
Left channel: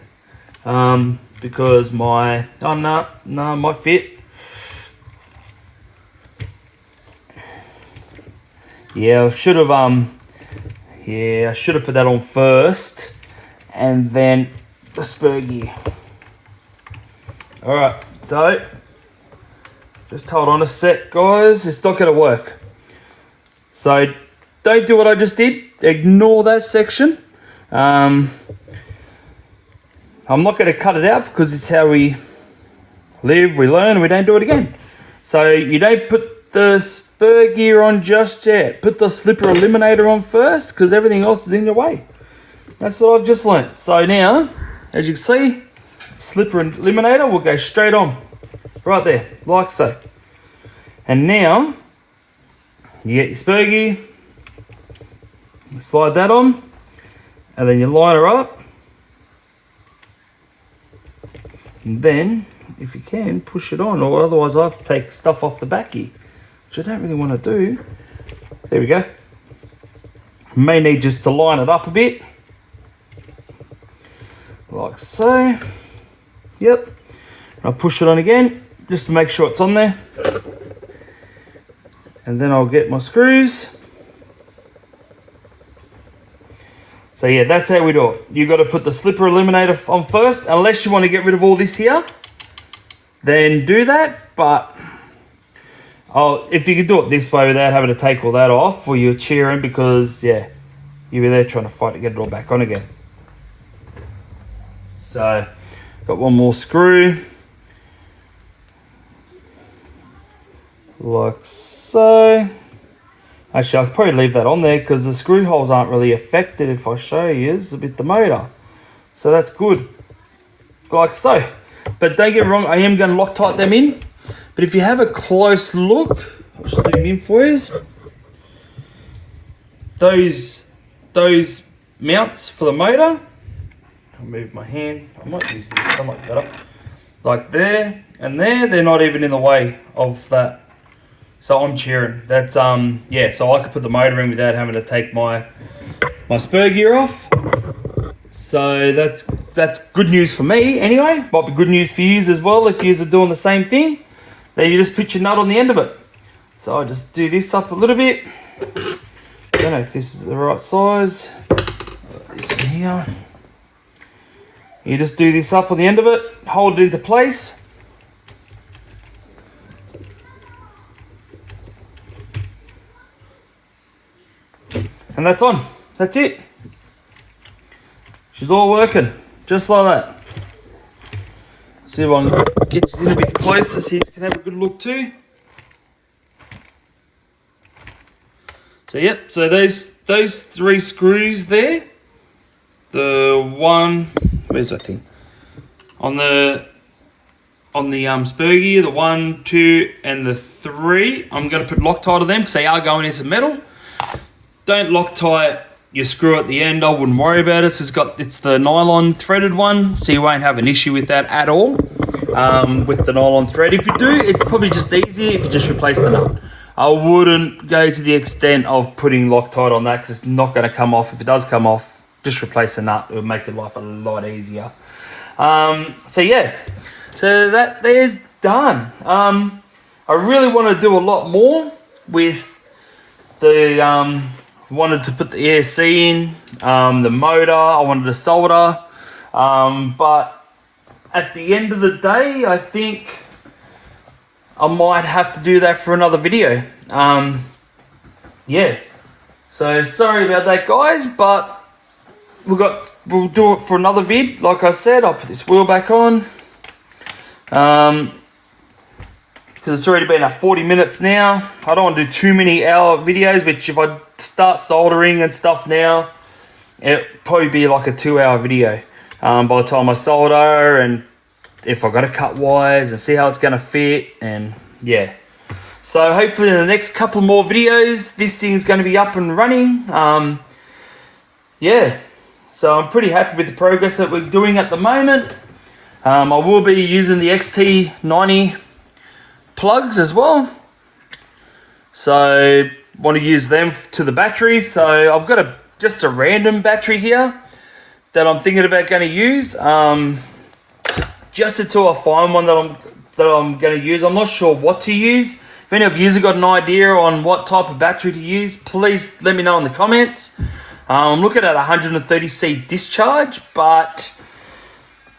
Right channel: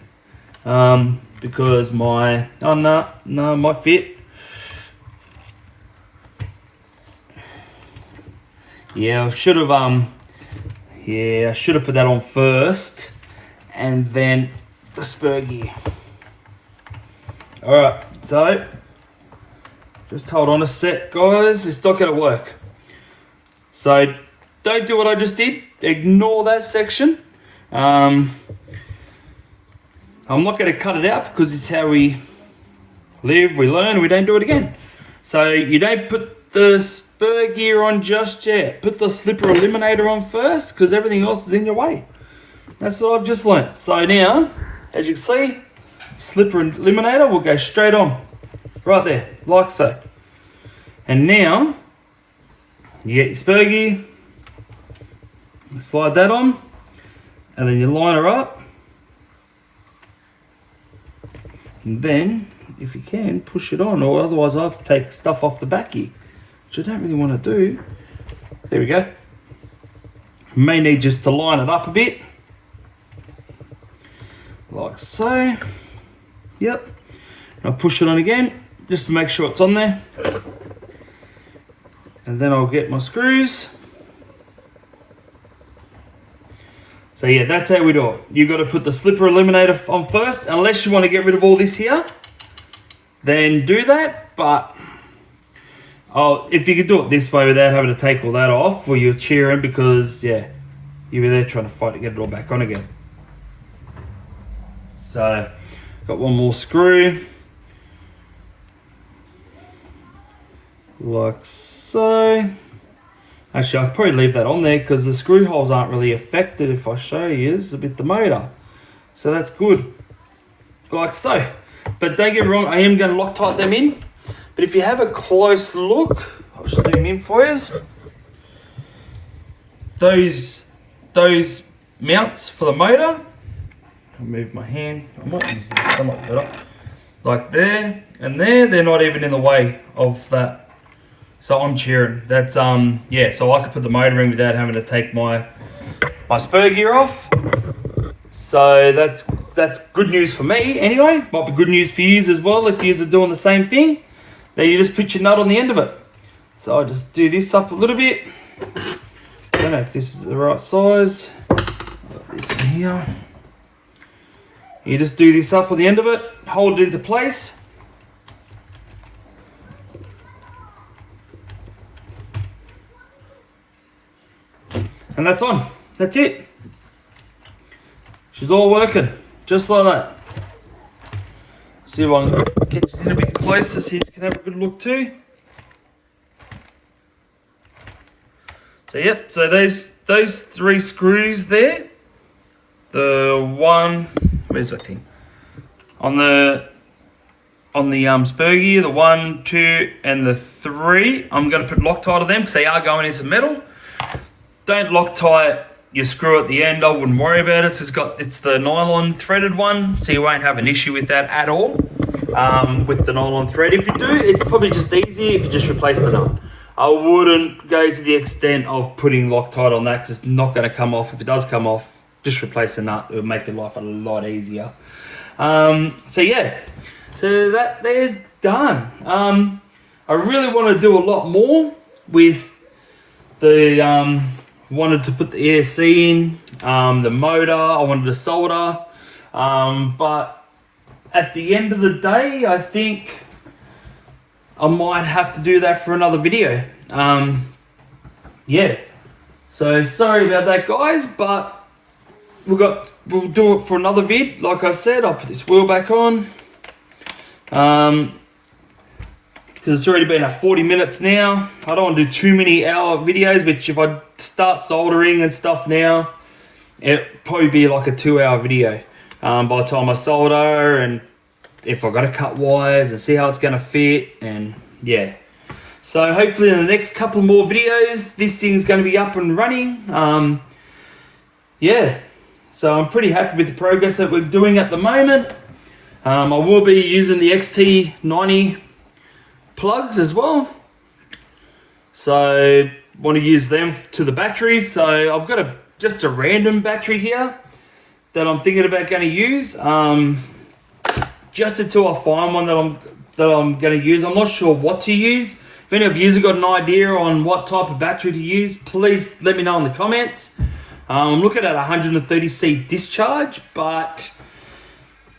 Because my... Oh, no, might fit. Yeah, I should have put that on first, and then the spur gear. All right, so just hold on a sec, guys. It's not going to work. So don't do what I just did. Ignore that section. I'm not going to cut it out because it's how we live, we learn, and we don't do it again. So you don't put the spur gear on just yet. Put the slipper eliminator on first because everything else is in your way. That's what I've just learnt. So now, as you can see, slipper eliminator will go straight on. Right there, like so. And now, you get your spur gear, slide that on, and then you line her up. And then, if you can, push it on, or otherwise I have to take stuff off the back here, which I don't really want to do. There we go. May need just to line it up a bit. Like so. Yep. I'll push it on again, just to make sure it's on there. And then I'll get my screws. So yeah, that's how we do it. You got to put the slipper eliminator on first, unless you want to get rid of all this here. Then do that, but if you could do it this way without having to take all that off, well, you're cheering because, yeah, you were there trying to fight to get it all back on again. So, got one more screw. Like so. Actually, I'll probably leave that on there because the screw holes aren't really affected if I show you with the motor. So that's good. Like so. But don't get me wrong, I am going to Loctite them in. But if you have a close look, I'll just leave them in for you. Those mounts for the motor, I'll move my hand, I might use this, I might better. Like there and there, they're not even in the way of that. So I'm cheering. That's yeah, so I could put the motor in without having to take my spur gear off. So that's good news for me anyway. Might be good news for you as well if you are doing the same thing. Then you just put your nut on the end of it. So I just do this up a little bit. I don't know if this is the right size. This in here. You just do this up on the end of it, hold it into place. And that's on. That's it. She's all working, just like that. See if I can get you a little bit closer so you can have a good look too. So yep, so those 3 screws there. The one, where's that thing? On the spur gear, the 1, 2, and the 3. I'm going to put Loctite on them because they are going in some metal. Don't Loctite your screw at the end. I wouldn't worry about it. It's the nylon threaded one, so you won't have an issue with that at all. With the nylon thread, if you do, it's probably just easier if you just replace the nut. I wouldn't go to the extent of putting Loctite on that because it's not going to come off. If it does come off, just replace the nut. It would make your life a lot easier. So yeah, so that is done. I really want to do a lot more with the wanted to put the ESC in, the motor. I wanted to solder, but at the end of the day, I think I might have to do that for another video. Yeah, so sorry about that, guys, but we'll do it for another vid. Like I said, I'll put this wheel back on, because it's already been 40 minutes now. I don't want to do too many hour videos, which if I start soldering and stuff now, it'll probably be like a 2-hour video by the time I solder, and if I got to cut wires and see how it's going to fit, and yeah. So hopefully in the next couple more videos, this thing's going to be up and running. Yeah, so I'm pretty happy with the progress that we're doing at the moment. I will be using the XT90 plugs as well, so want to use them to the battery. So I've got just a random battery here that I'm thinking about going to use, just until I find one that I'm going to use. I'm not sure what to use. If any of you have got an idea on what type of battery to use, please let me know in the comments. I'm looking at 130C discharge, but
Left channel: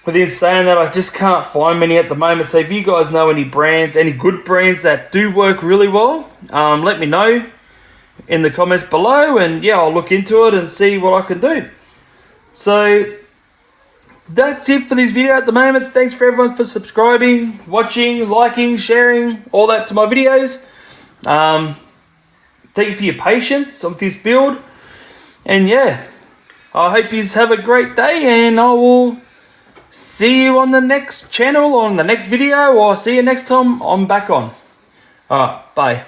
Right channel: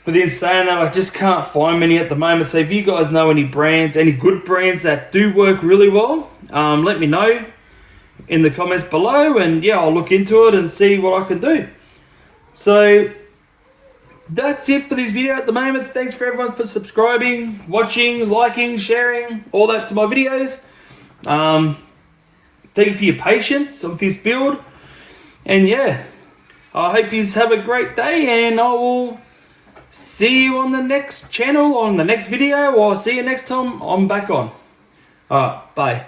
within saying that, I just can't find many at the moment. So if you guys know any brands, any good brands that do work really well, let me know in the comments below, and yeah, I'll look into it and see what I can do. So that's it for this video at the moment. Thanks for everyone for subscribing, watching, liking, sharing, all that to my videos. Thank you for your patience with this build. And yeah, I hope you have a great day, and I will see you on the next channel, on the next video, or see you next time I'm back on. Alright, bye.